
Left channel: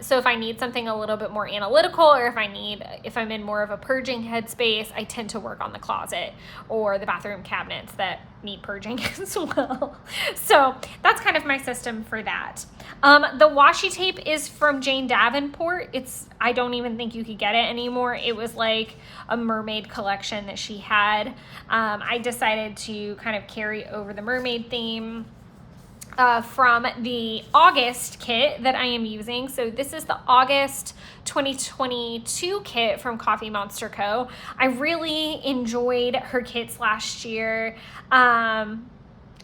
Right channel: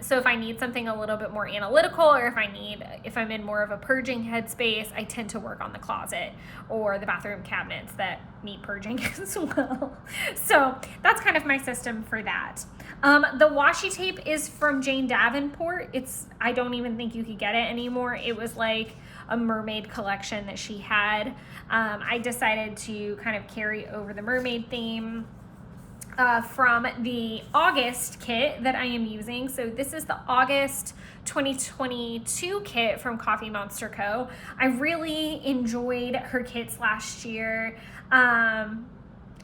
So if I need something a little bit more analytical, or if I'm in more of a purging headspace, I tend to work on the closet or the bathroom cabinets that need purging as well. So that's kind of my system for that. The washi tape is from Jane Davenport. I don't even think you could get it anymore. It was like a mermaid collection that she had. I decided to kind of carry over the mermaid theme from the August kit that I am using. So this is the August 2022 kit from Coffee Monster Co. I really enjoyed her kits last year.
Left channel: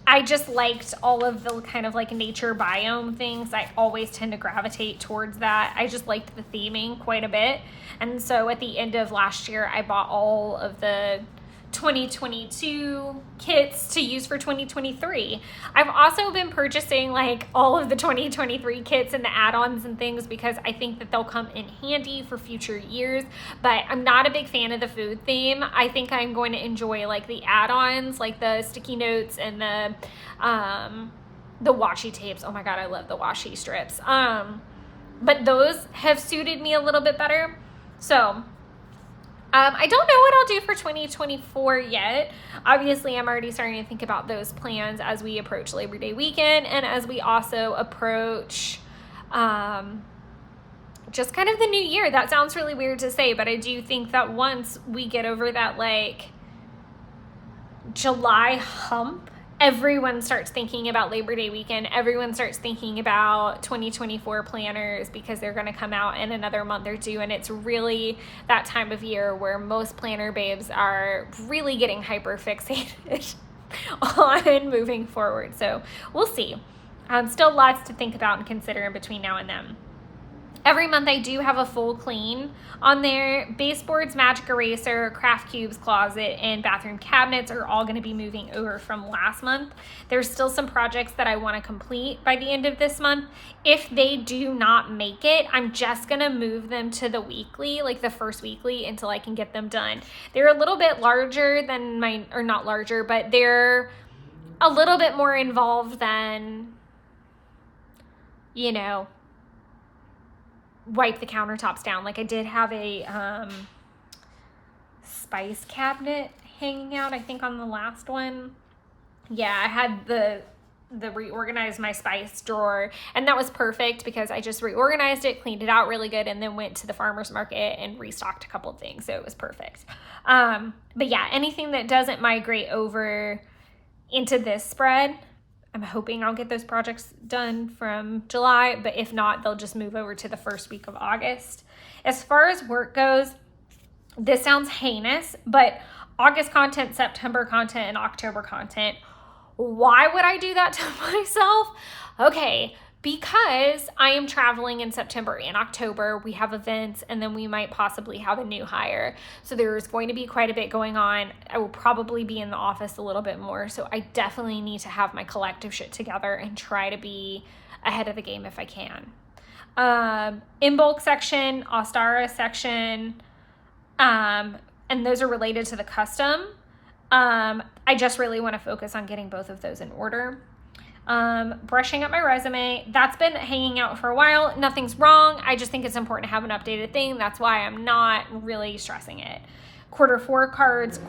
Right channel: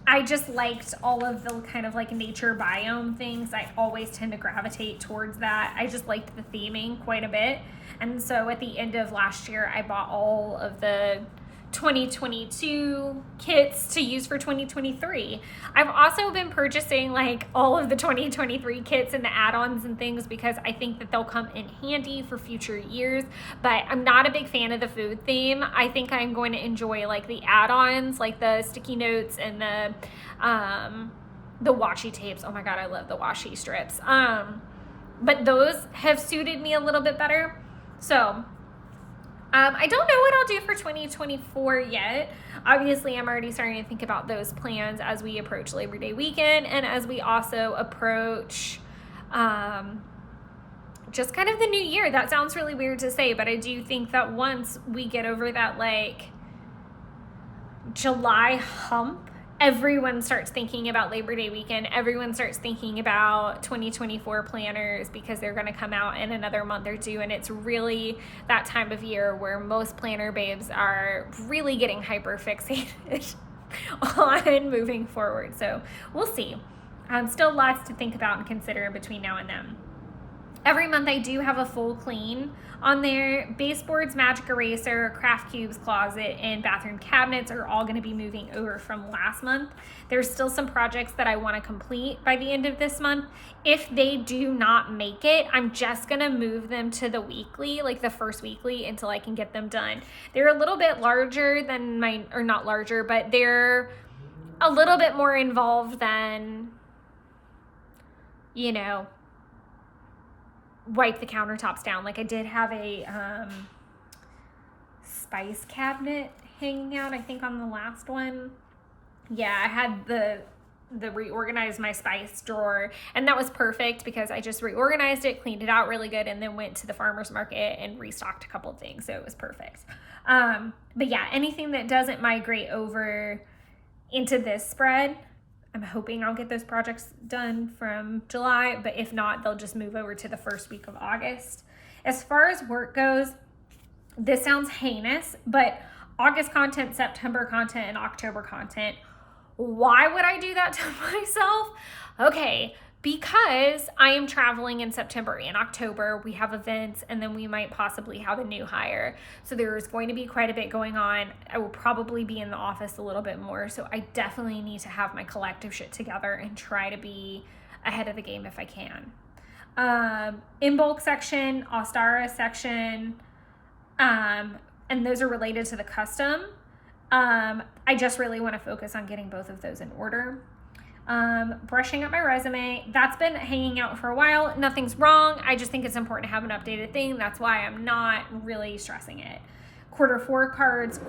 I just liked all of the kind of like nature biome things. I always tend to gravitate towards that. I just liked the theming quite a bit. And so at the end of last year, I bought all of the 2022 kits to use for 2023. I've also been purchasing like all of the 2023 kits and the add-ons and things because I think that they'll come in handy for future years, but I'm not a big fan of the food theme. I think I'm going to enjoy like the add-ons, like the sticky notes and the washi tapes. Oh my God, I love the washi strips. But those have suited me a little bit better. So I don't know what I'll do for 2024 yet. Obviously, I'm already starting to think about those plans as we approach Labor Day weekend and as we also approach just kind of the new year. That sounds really weird to say, but I do think that once we get over that like July hump, everyone starts thinking about Labor Day weekend. Everyone starts thinking about 2024 planners because they're going to come out in another month or two. And it's really that time of year where most planner babes are really getting hyper fixated on moving forward. So we'll see. Still lots to think about and consider in between now and then. Every month I do have a full clean on there. Baseboards, magic eraser, craft cubes, closet, and bathroom cabinets are all going to be moving over from last month. There's still some projects that I want to complete by the end of this month. If they do not make it, I'm just going to move them to the weekly, like the first weekly, until I can get them done. They're a little bit larger than or not larger, but they're a little bit more involved than, wipe the countertops down. Like I did have a spice cabinet hanging out, I think on the last one. Yeah, I had the reorganized my spice drawer, and that was perfect because I just reorganized it, cleaned it out really good, and then went to the farmer's market and restocked a couple of things. So it was perfect. But yeah, anything that doesn't migrate over into this spread, I'm hoping I'll get those projects done from July, but if not, they'll just move over to the first week of August. As far as work goes, this sounds heinous, but August content, September content, and October content. Why would I do that to myself? Okay, because I am traveling in September and October. We have events, and then we might possibly have a new hire. So there's going to be quite a bit going on. I will probably be in the office a little bit more. So I definitely need to have my collective shit together and try to be ahead of the game if I can. In bulk section, Ostara section, and those are related to the custom. I just really want to focus on getting both of those in order. Brushing up my resume. That's been hanging out for a while. Nothing's wrong. I just think it's important to have an updated thing. That's why I'm not really stressing it. Quarter 4 cards.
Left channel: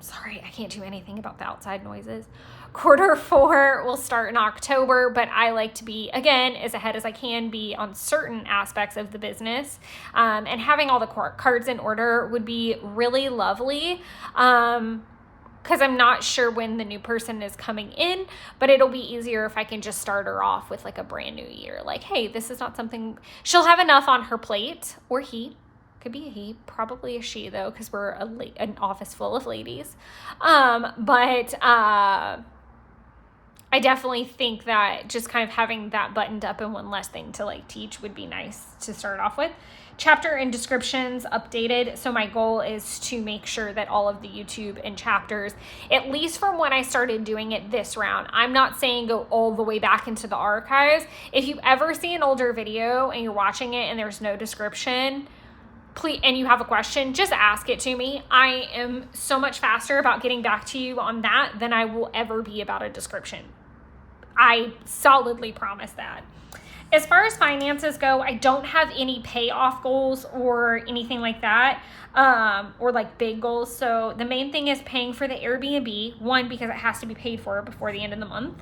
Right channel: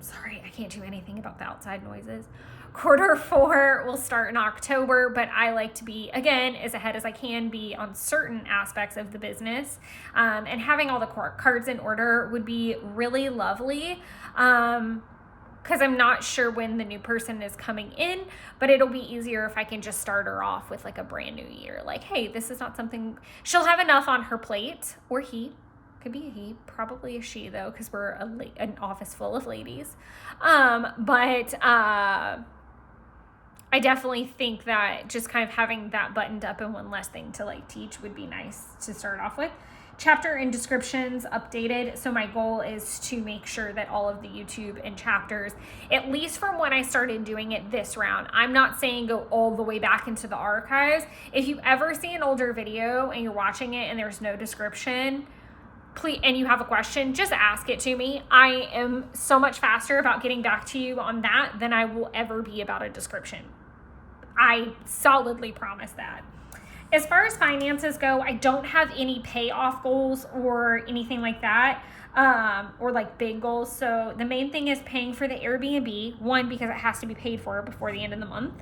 Sorry, I can't do anything about the outside noises. Quarter 4 will start in October, but I like to be, again, as ahead as I can be on certain aspects of the business. And having all the cards in order would be really lovely. Because I'm not sure when the new person is coming in, but it'll be easier if I can just start her off with like a brand new year. Like, hey, this is not something, she'll have enough on her plate, or he, could be a he, probably a she though, because we're an office full of ladies. I definitely think that just kind of having that buttoned up and one less thing to like teach would be nice to start off with. Chapter and descriptions updated. So my goal is to make sure that all of the YouTube and chapters, at least from when I started doing it this round, I'm not saying go all the way back into the archives. If you ever see an older video and you're watching it and there's no description, please, and you have a question, just ask it to me. I am so much faster about getting back to you on that than I will ever be about a description. I solidly promise that. As far as finances go, I don't have any payoff goals or anything like that, or like big goals. So the main thing is paying for the Airbnb, one, because it has to be paid for before the end of the month.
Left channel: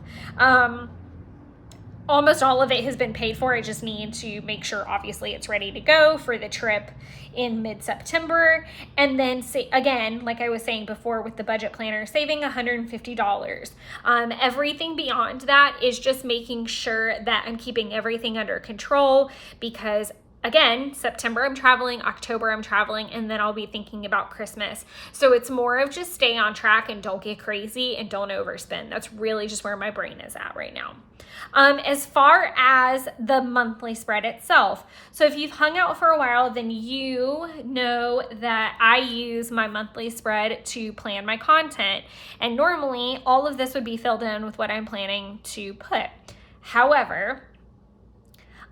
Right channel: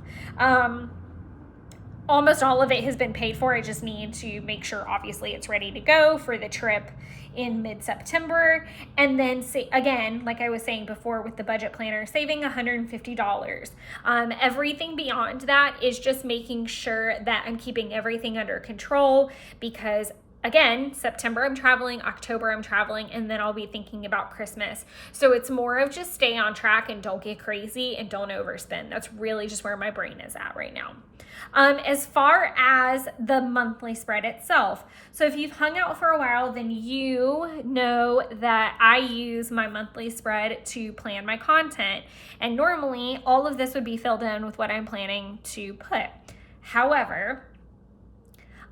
Almost all of it has been paid for. I just need to make sure, obviously, it's ready to go for the trip in mid-September. And then, again, like I was saying before with the budget planner, saving $150. Everything beyond that is just making sure that I'm keeping everything under control, because again, September I'm traveling, October I'm traveling, and then I'll be thinking about Christmas. So it's more of just stay on track and don't get crazy and don't overspend. That's really just where my brain is at right now. As far as the monthly spread itself, so if you've hung out for a while, then you know that I use my monthly spread to plan my content. And normally all of this would be filled in with what I'm planning to put. However,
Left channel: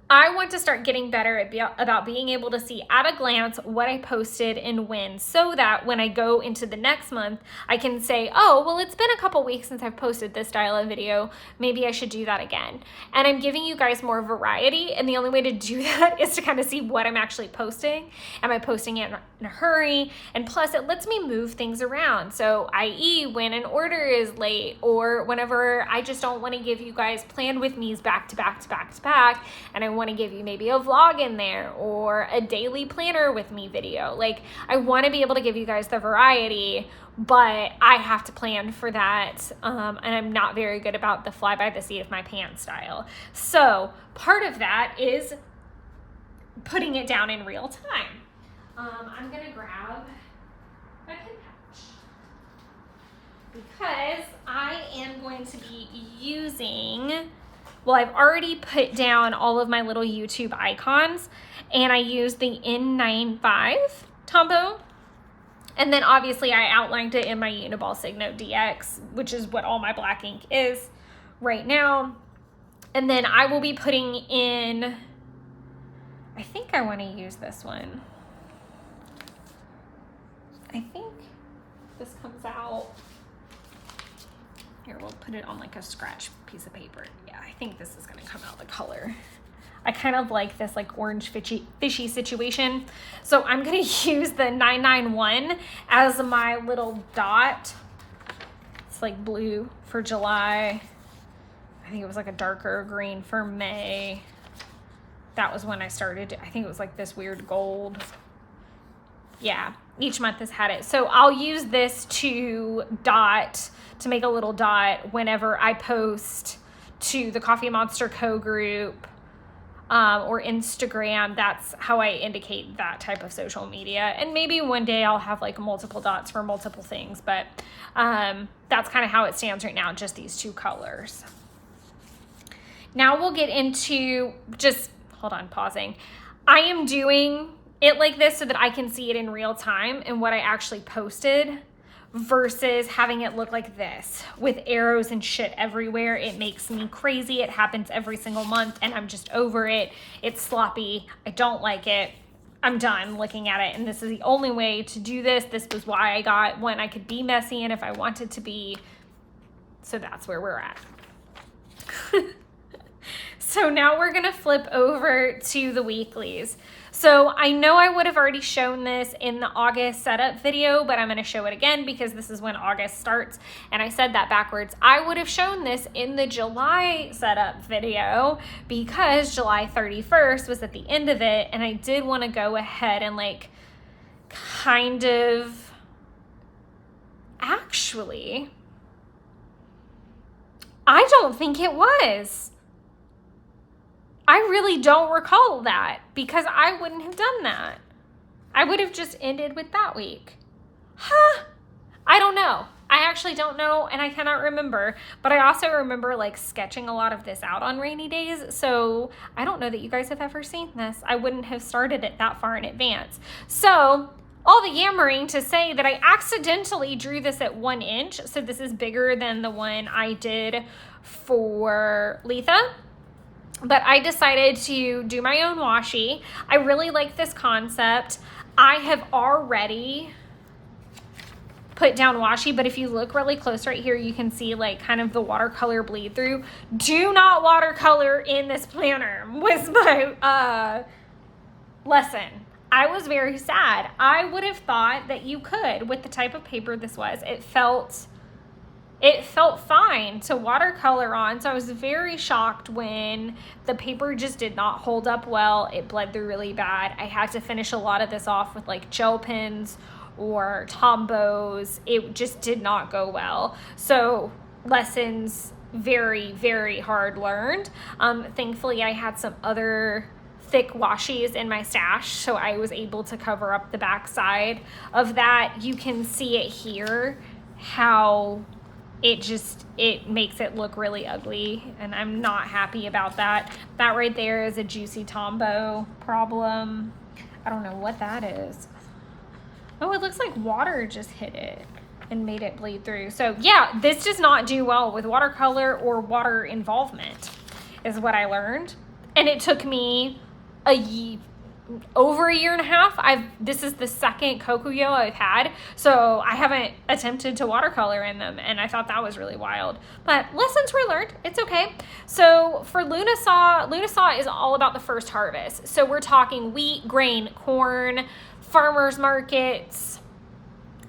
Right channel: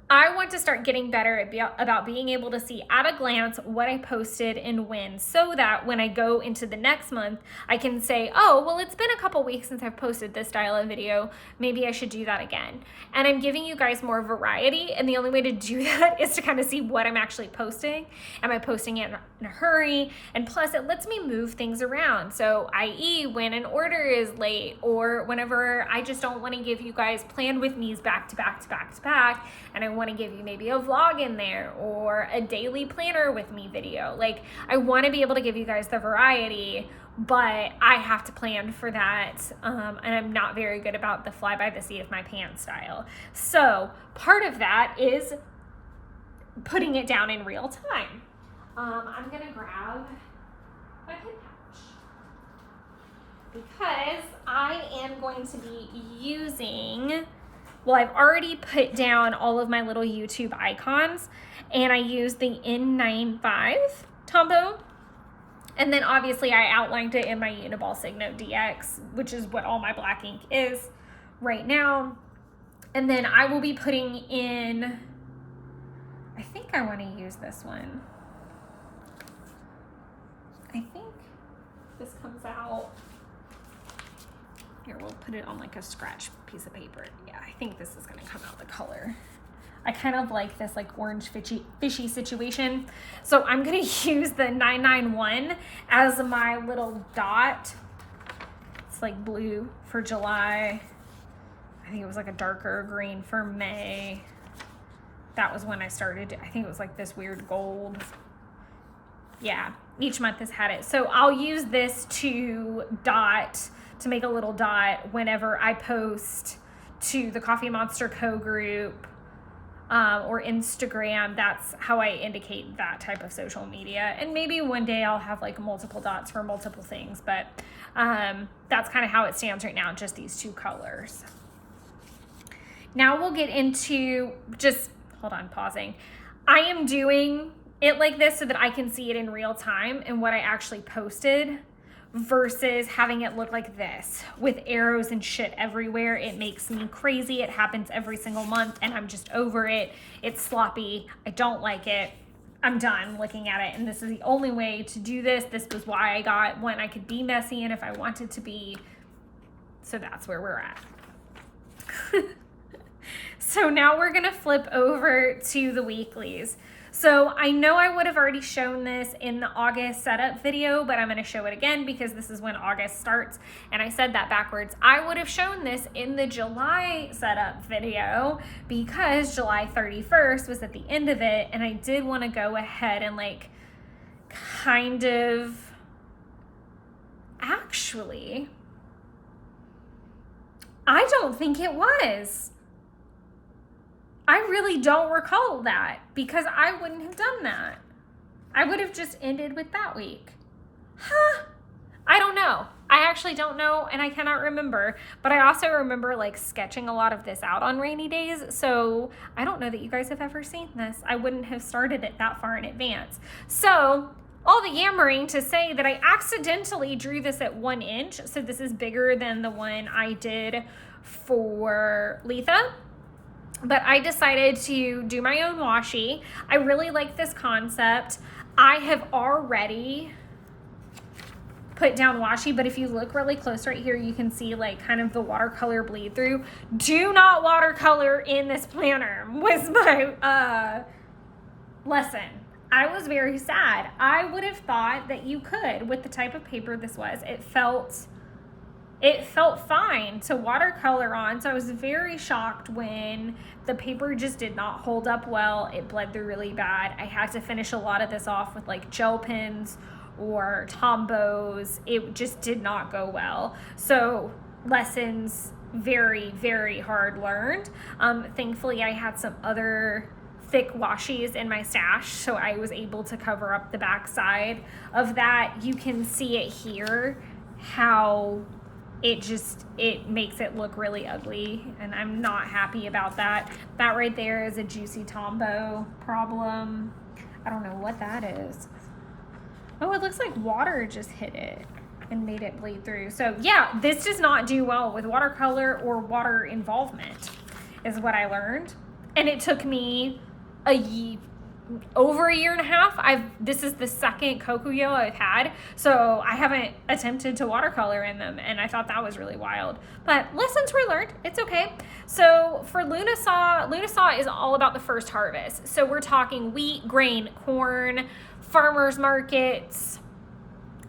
I want to start getting better about being able to see at a glance what I posted and when, so that when I go into the next month, I can say, oh, well, it's been a couple weeks since I've posted this style of video. Maybe I should do that again. And I'm giving you guys more variety. And the only way to do that is to kind of see what I'm actually posting. Am I posting it in a hurry? And plus it lets me move things around. So i.e. when an order is late, or whenever I just don't want to give you guys plan with me's back to back to back to back, and I want to give you maybe a vlog in there or a daily planner with me video. Like, I want to be able to give you guys the variety, but I have to plan for that. And I'm not very good about the fly by the seat of my pants style. So part of that is putting it down in real time. I'm going to grab my pen pouch because I am going to be using, well, I've already put down all of my little YouTube icons, and I used the N95 Tombow. And then obviously I outlined it in my Uniball Signo DX, which is what all my black ink is right now. And then I will be putting in, I think I want to use this one. I think this comes out. Here, we'll put it on like a scratch piece of paper. Yeah, I think this is gonna come out the color. I kind of like this like orange fishy situation. So I'm gonna use the 991 as my little dot. It's like blue for July. I think it was like a darker green for May. That was when I started. I think it was like this weird gold. Yeah, each month has had it. So I'll use this to make a little dot whenever I post to the Coffee Monster Co group or Instagram. That's how I indicate that type of social media. And maybe one day I'll have like multiple dots for multiple things, but that's kind of how it stands right now, just these two colors. Now we'll get into just, hold on, pausing. I am doing it like this so that I can see it in real time and what I actually posted, versus having it look like this with arrows and shit everywhere. It makes me crazy. It happens every single month and I'm just over it. It's sloppy. I don't like it. I'm done looking at it. And this is the only way to do this. This was why I got one. I could be messy and if I wanted to be. So that's where we're at. So now we're gonna flip over to the weeklies. So I know I would have already shown this in the August setup video, but I'm gonna show it again because this is when August starts, and I said that backwards. I would have shown this in the July setup video because July 31st was at the end of it, and I did want to go ahead and like kind of, actually, I don't think it was. I really don't recall that because I wouldn't have done that. I would have just ended with that week. Huh? I don't know. I actually don't know, and I cannot remember. But I also remember like sketching a lot of this out on rainy days. So I don't know that you guys have ever seen this. I wouldn't have started it that far in advance. So all the yammering to say that I accidentally drew this at 1 inch. So this is bigger than the one I did for Letha. But I decided to do my own washi. I really like this concept. I have already put down washi, but if you look really close right here, you can see like kind of the watercolor bleed through. Do not watercolor in this planner was my lesson. I was very sad. I would have thought that you could with the type of paper this was. It felt fine to watercolor on, so I was very shocked when the paper just did not hold up well. It bled through really bad. I had to finish a lot of this off with like gel pens or Tombows. It just did not go well. So lessons very, very hard learned. Thankfully, I had some other thick washies in my stash, so I was able to cover up the back side of that. You can see it here, how it makes it look really ugly, and I'm not happy about that. That right there is a juicy Tombow problem. I don't know what that is. Oh, it looks like water just hit it and made it bleed through. So yeah, this does not do well with watercolor or water involvement is what I learned. And it took me over a year and a half. This is the second Kokuyo I've had, so I haven't attempted to watercolor in them, and I thought that was really wild. But lessons were learned. It's okay. So for Lunasaw is all about the first harvest. So we're talking wheat, grain, corn, farmers markets,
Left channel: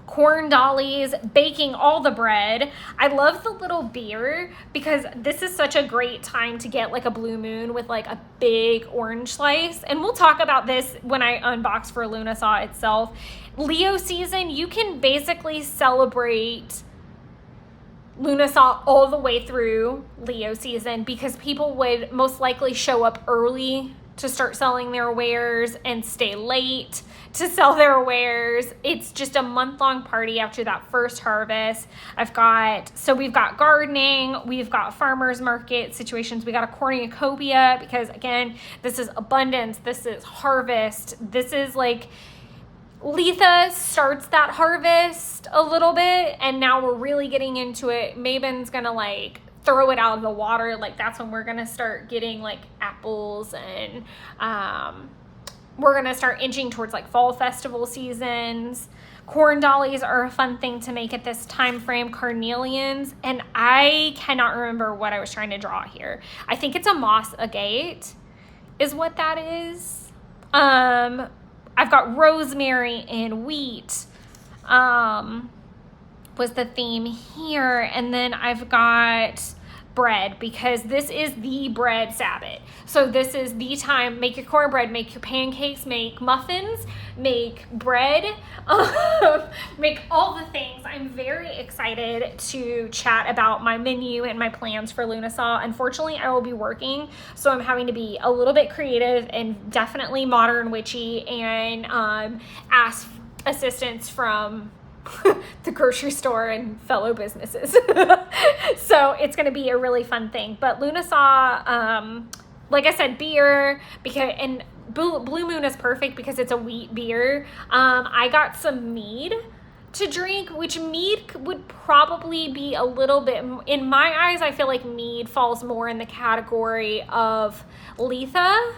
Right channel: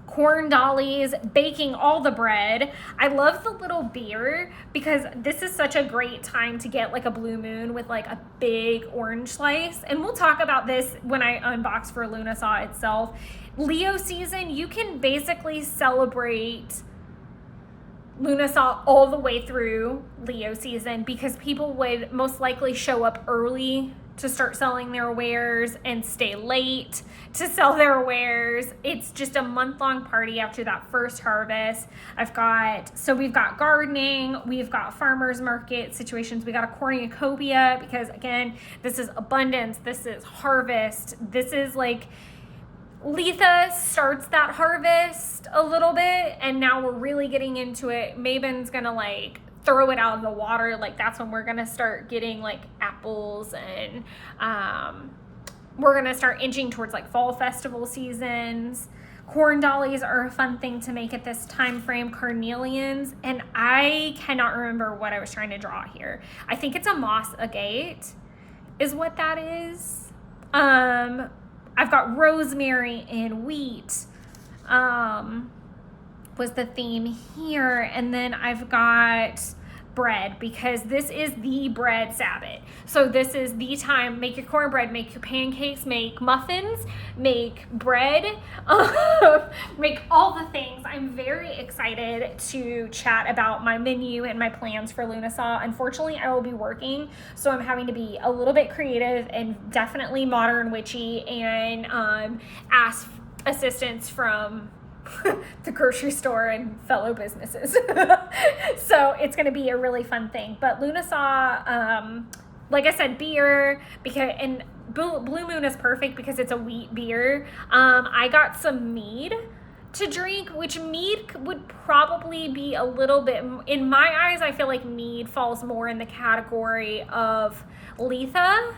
corn dollies, baking all the bread. I love the little beer because this is such a great time to get like a blue moon with like a big orange slice. And we'll talk about this when I unbox for Lunasaw itself. Leo season, you can basically celebrate Lunasaw all the way through Leo season because people would most likely show up early to start selling their wares and stay late to sell their wares. It's just a month-long party after that first harvest. We've got gardening, we've got farmers market situations, we got a cornucopia because again, this is abundance, this is harvest, this is like Letha starts that harvest a little bit, and now we're really getting into it. Mabon's gonna like throw it out of the water. Like that's when we're gonna start getting like apples, and we're gonna start inching towards like fall festival seasons. Corn dollies are a fun thing to make at this time frame. Carnelians, and I cannot remember what I was trying to draw here. I think it's a moss agate is what that is. I've got rosemary and wheat was the theme here, and then I've got bread because this is the bread Sabbath. So this is the time, make your cornbread, make your pancakes, make muffins, make bread, make all the things. I'm very excited to chat about my menu and my plans for Lunasaw. Unfortunately, I will be working, so I'm having to be a little bit creative and definitely modern witchy and ask assistance from the grocery store and fellow businesses. So it's going to be a really fun thing. But Lunasaw, like I said, beer, and Blue Moon is perfect because it's a wheat beer. I got some mead to drink, which mead would probably be a little bit, in my eyes, I feel like mead falls more in the category of Letha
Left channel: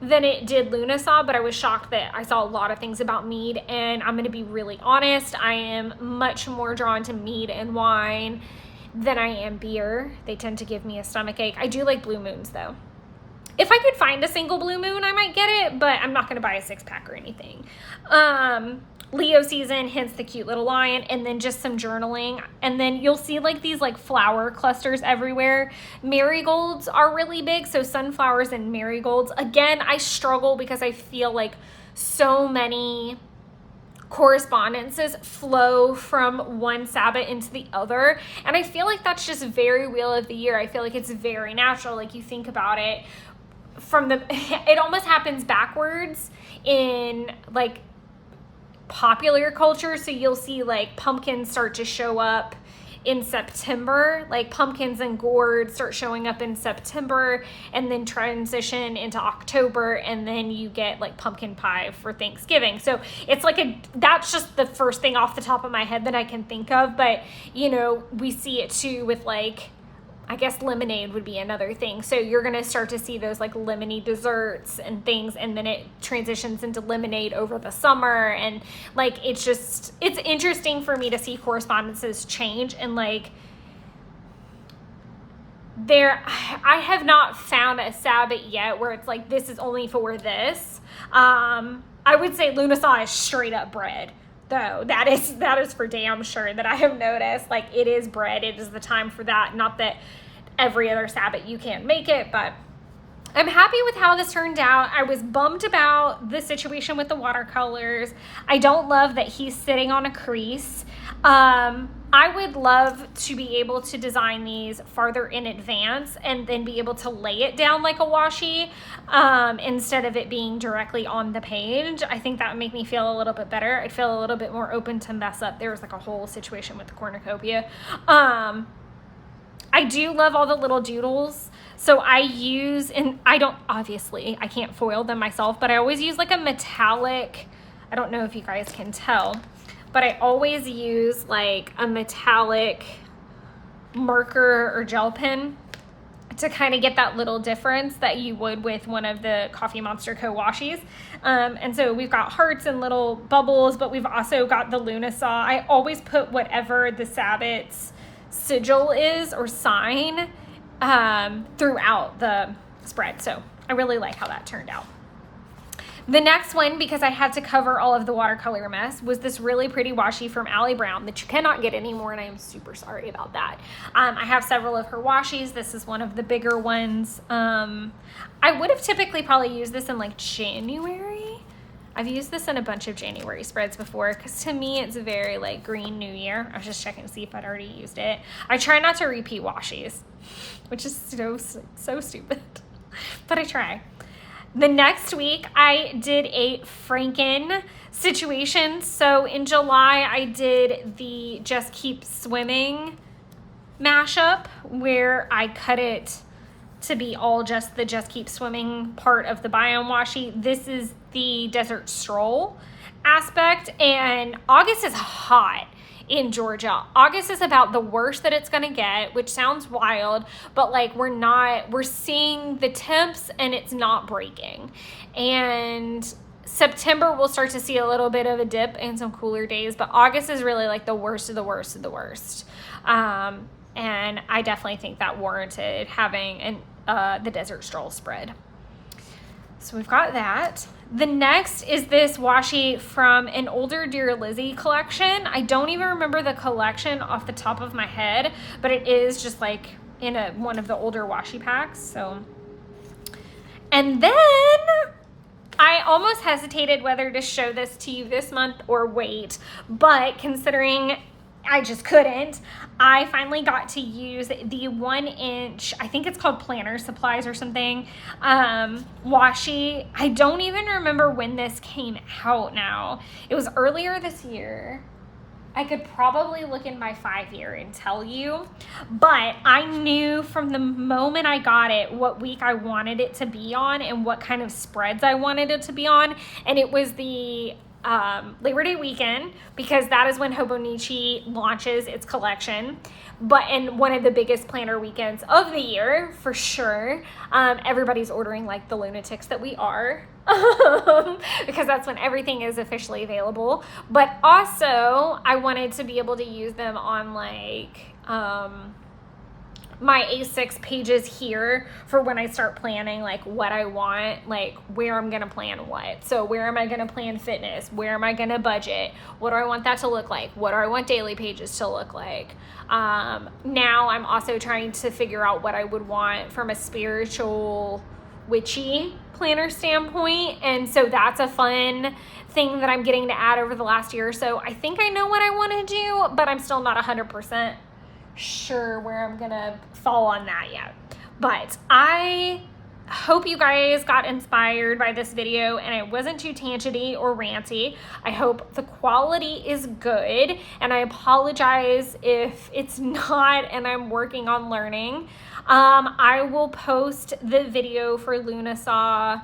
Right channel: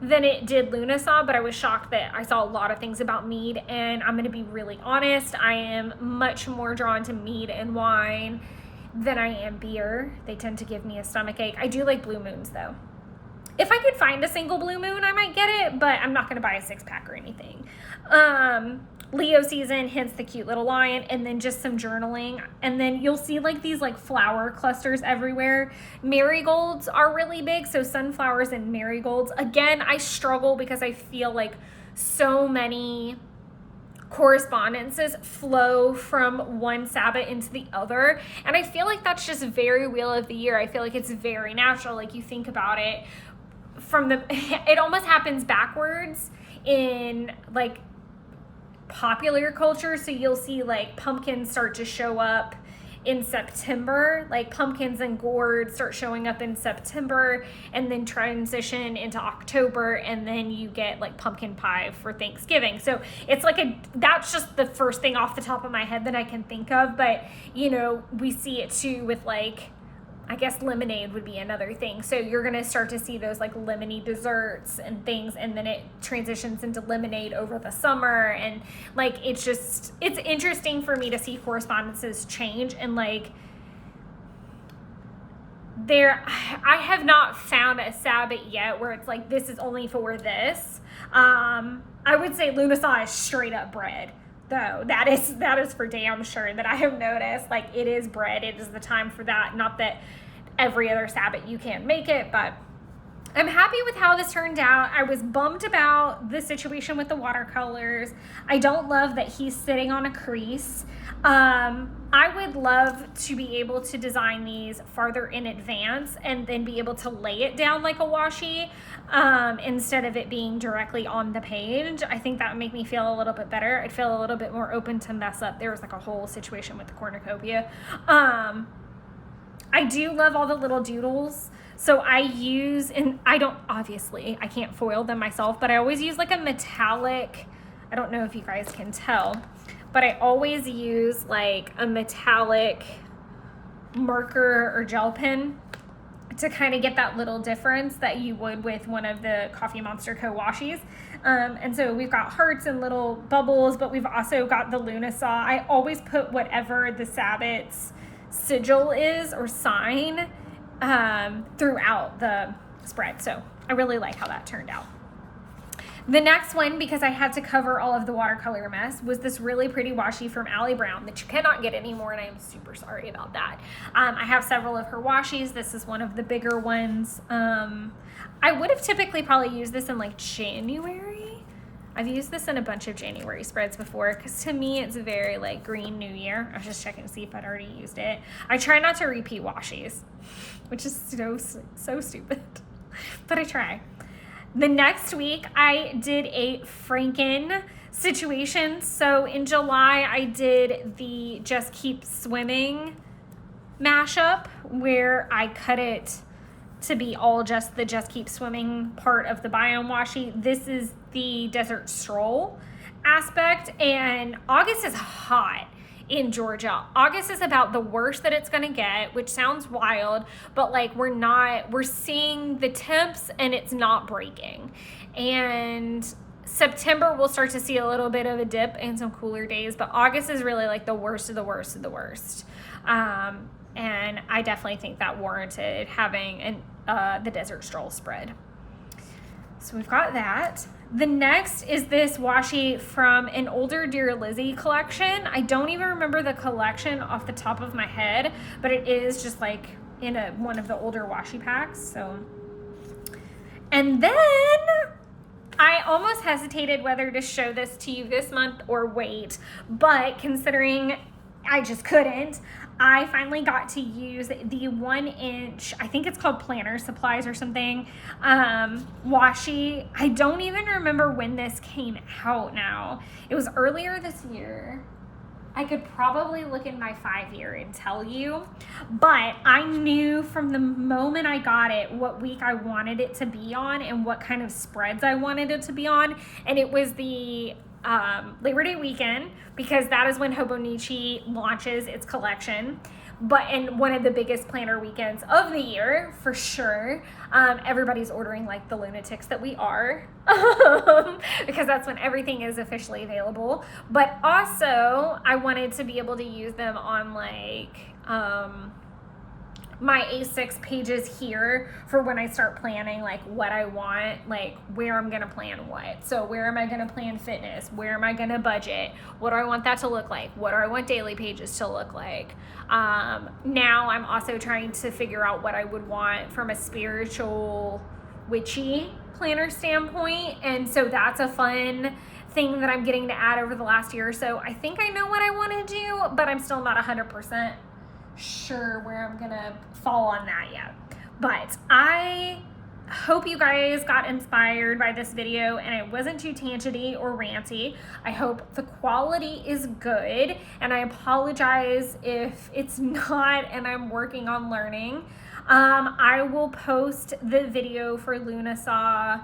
than it did Lunasaw, but I was shocked that I saw a lot of things about mead, and I'm going to be really honest, I am much more drawn to mead and wine than I am beer. They tend to give me a stomach ache. I do like blue moons though. If I could find a single blue moon, I might get it, but I'm not going to buy a 6-pack or anything. Leo season, hence the cute little lion, and then just some journaling. And then you'll see like these like flower clusters everywhere. Marigolds are really big, so sunflowers and marigolds. Again, I struggle because I feel like so many correspondences flow from one Sabbath into the other, and I feel like that's just very Wheel of the Year. I feel like it's very natural. Like, you think about it from the it almost happens backwards in like popular culture. So you'll see like pumpkins start to show up in September, like pumpkins and gourds start showing up in September, and then transition into October, and then you get like pumpkin pie for Thanksgiving. So it's like that's just the first thing off the top of my head that I can think of. But you know, we see it too with like, I guess lemonade would be another thing. So you're going to start to see those like lemony desserts and things, and then it transitions into lemonade over the summer. And like, it's interesting for me to see correspondences change. And like, I have not found a Sabbath yet where it's like, this is only for this. I would say Lunasaw is straight up bread. Though that is for damn sure that I have noticed. Like, it is bread. It is the time for that. Not that every other Sabbath you can't make it, but I'm happy with how this turned out. I was bummed about the situation with the watercolors. I don't love that he's sitting on a crease. I would love to be able to design these farther in advance and then be able to lay it down like a washi, instead of it being directly on the page. I think that would make me feel a little bit better. I'd feel a little bit more open to mess up. There was like a whole situation with the cornucopia. I do love all the little doodles. So I use, and I can't foil them myself, but I always use like a metallic, I don't know if you guys can tell, but I always use like a metallic marker or gel pen to kind of get that little difference that you would with one of the Coffee Monster Co. washies. And so we've got hearts and little bubbles, but we've also got the Lunasaw. I always put whatever the Sabbath's sigil is or sign throughout the spread. So I really like how that turned out. The next one, because I had to cover all of the watercolor mess, was this really pretty washi from Allie Brown that you cannot get anymore, and I am super sorry about that. I have several of her washies. This is one of the bigger ones. I would have typically probably used this in like January. I've used this in a bunch of January spreads before, because to me it's very like green New Year. I was just checking to see if I'd already used it. I try not to repeat washies, which is so stupid, but I try. The next week, I did a Franken situation. So in July, I did the Just Keep Swimming mashup, where I cut it to be all just the Just Keep Swimming part of the Biome washi. This is the Desert Stroll aspect, and August is hot in Georgia. August is about the worst that it's gonna get, which sounds wild, but like we're seeing the temps and it's not breaking. And September we'll start to see a little bit of a dip and some cooler days, but August is really like the worst of the worst of the worst. And I definitely think that warranted having the Desert Stroll spread. So we've got that. The next is this washi from an older Dear Lizzie collection. I don't even remember the collection off the top of my head, but it is just like in one of the older washi packs. So, and then I almost hesitated whether to show this to you this month or wait, but considering I just couldn't, I finally got to use the 1-inch, I think it's called Planner Supplies or something, washi. I don't even remember when this came out now. It was earlier this year. I could probably look in my 5-year and tell you, but I knew from the moment I got it what week I wanted it to be on and what kind of spreads I wanted it to be on, and it was the Labor Day weekend, because that is when Hobonichi launches its collection, but in one of the biggest planner weekends of the year for sure. Everybody's ordering like the lunatics that we are, because that's when everything is officially available. But also I wanted to be able to use them on like my A6 pages here for when I start planning like what I want, like where I'm gonna plan what. So where am I gonna plan fitness? Where am I gonna budget? What do I want that to look like? What do I want daily pages to look like? Now I'm also trying to figure out what I would want from a spiritual, witchy planner standpoint. And so that's a fun thing that I'm getting to add over the last year or so. I think I know what I want to do, but I'm still not 100% sure where I'm gonna fall on that yet. But I hope you guys got inspired by this video and it wasn't too tangenty or ranty. I hope the quality is good, and I apologize if it's not, and I'm working on learning. I will post the video for Lunasaw,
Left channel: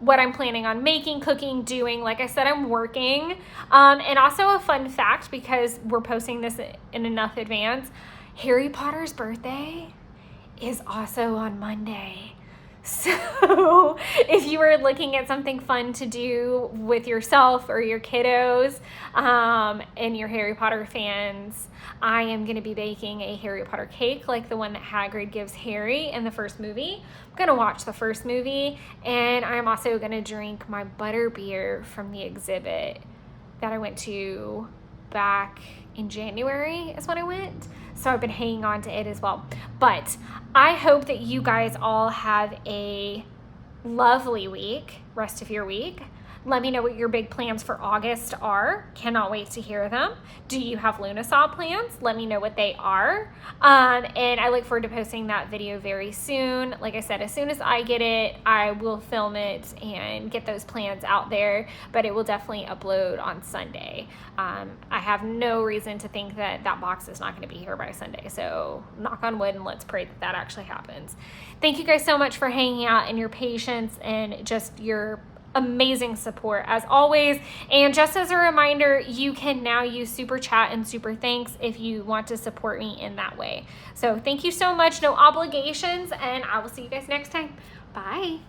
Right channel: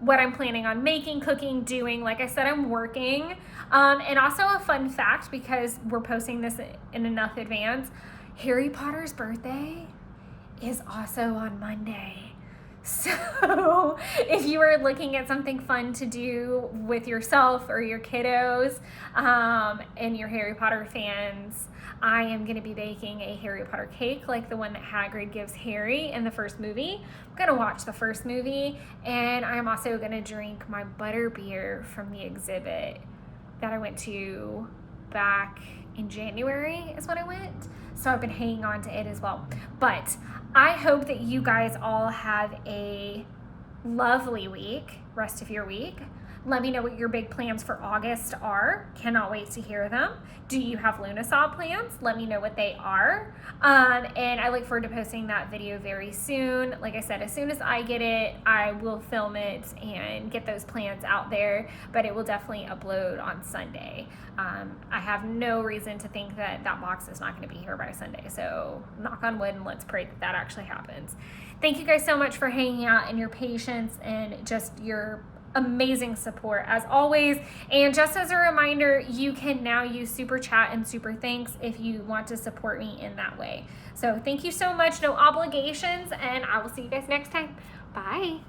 what I'm planning on making, cooking, doing. Like I said, I'm working. And also a fun fact, because we're posting this in enough advance, Harry Potter's birthday is also on Monday. So if you are looking at something fun to do with yourself or your kiddos, and you're Harry Potter fans, I am going to be baking a Harry Potter cake like the one that Hagrid gives Harry in the first movie. I'm going to watch the first movie, and I'm also going to drink my butterbeer from the exhibit that I went to back in January is when I went. So I've been hanging on to it as well. But I hope that you guys all have a lovely week, rest of your week. Let me know what your big plans for August are. Cannot wait to hear them. Do you have Lunasaw plans? Let me know what they are. And I look forward to posting that video very soon. Like I said, as soon as I get it, I will film it and get those plans out there, but it will definitely upload on Sunday. I have no reason to think that that box is not going to be here by Sunday. So knock on wood and let's pray that that actually happens. Thank you guys so much for hanging out and your patience and just your amazing support as always. And just as a reminder, you can now use Super Chat and Super Thanks if you want to support me in that way. So thank you so much. No obligations, and I will see you guys next time. Bye.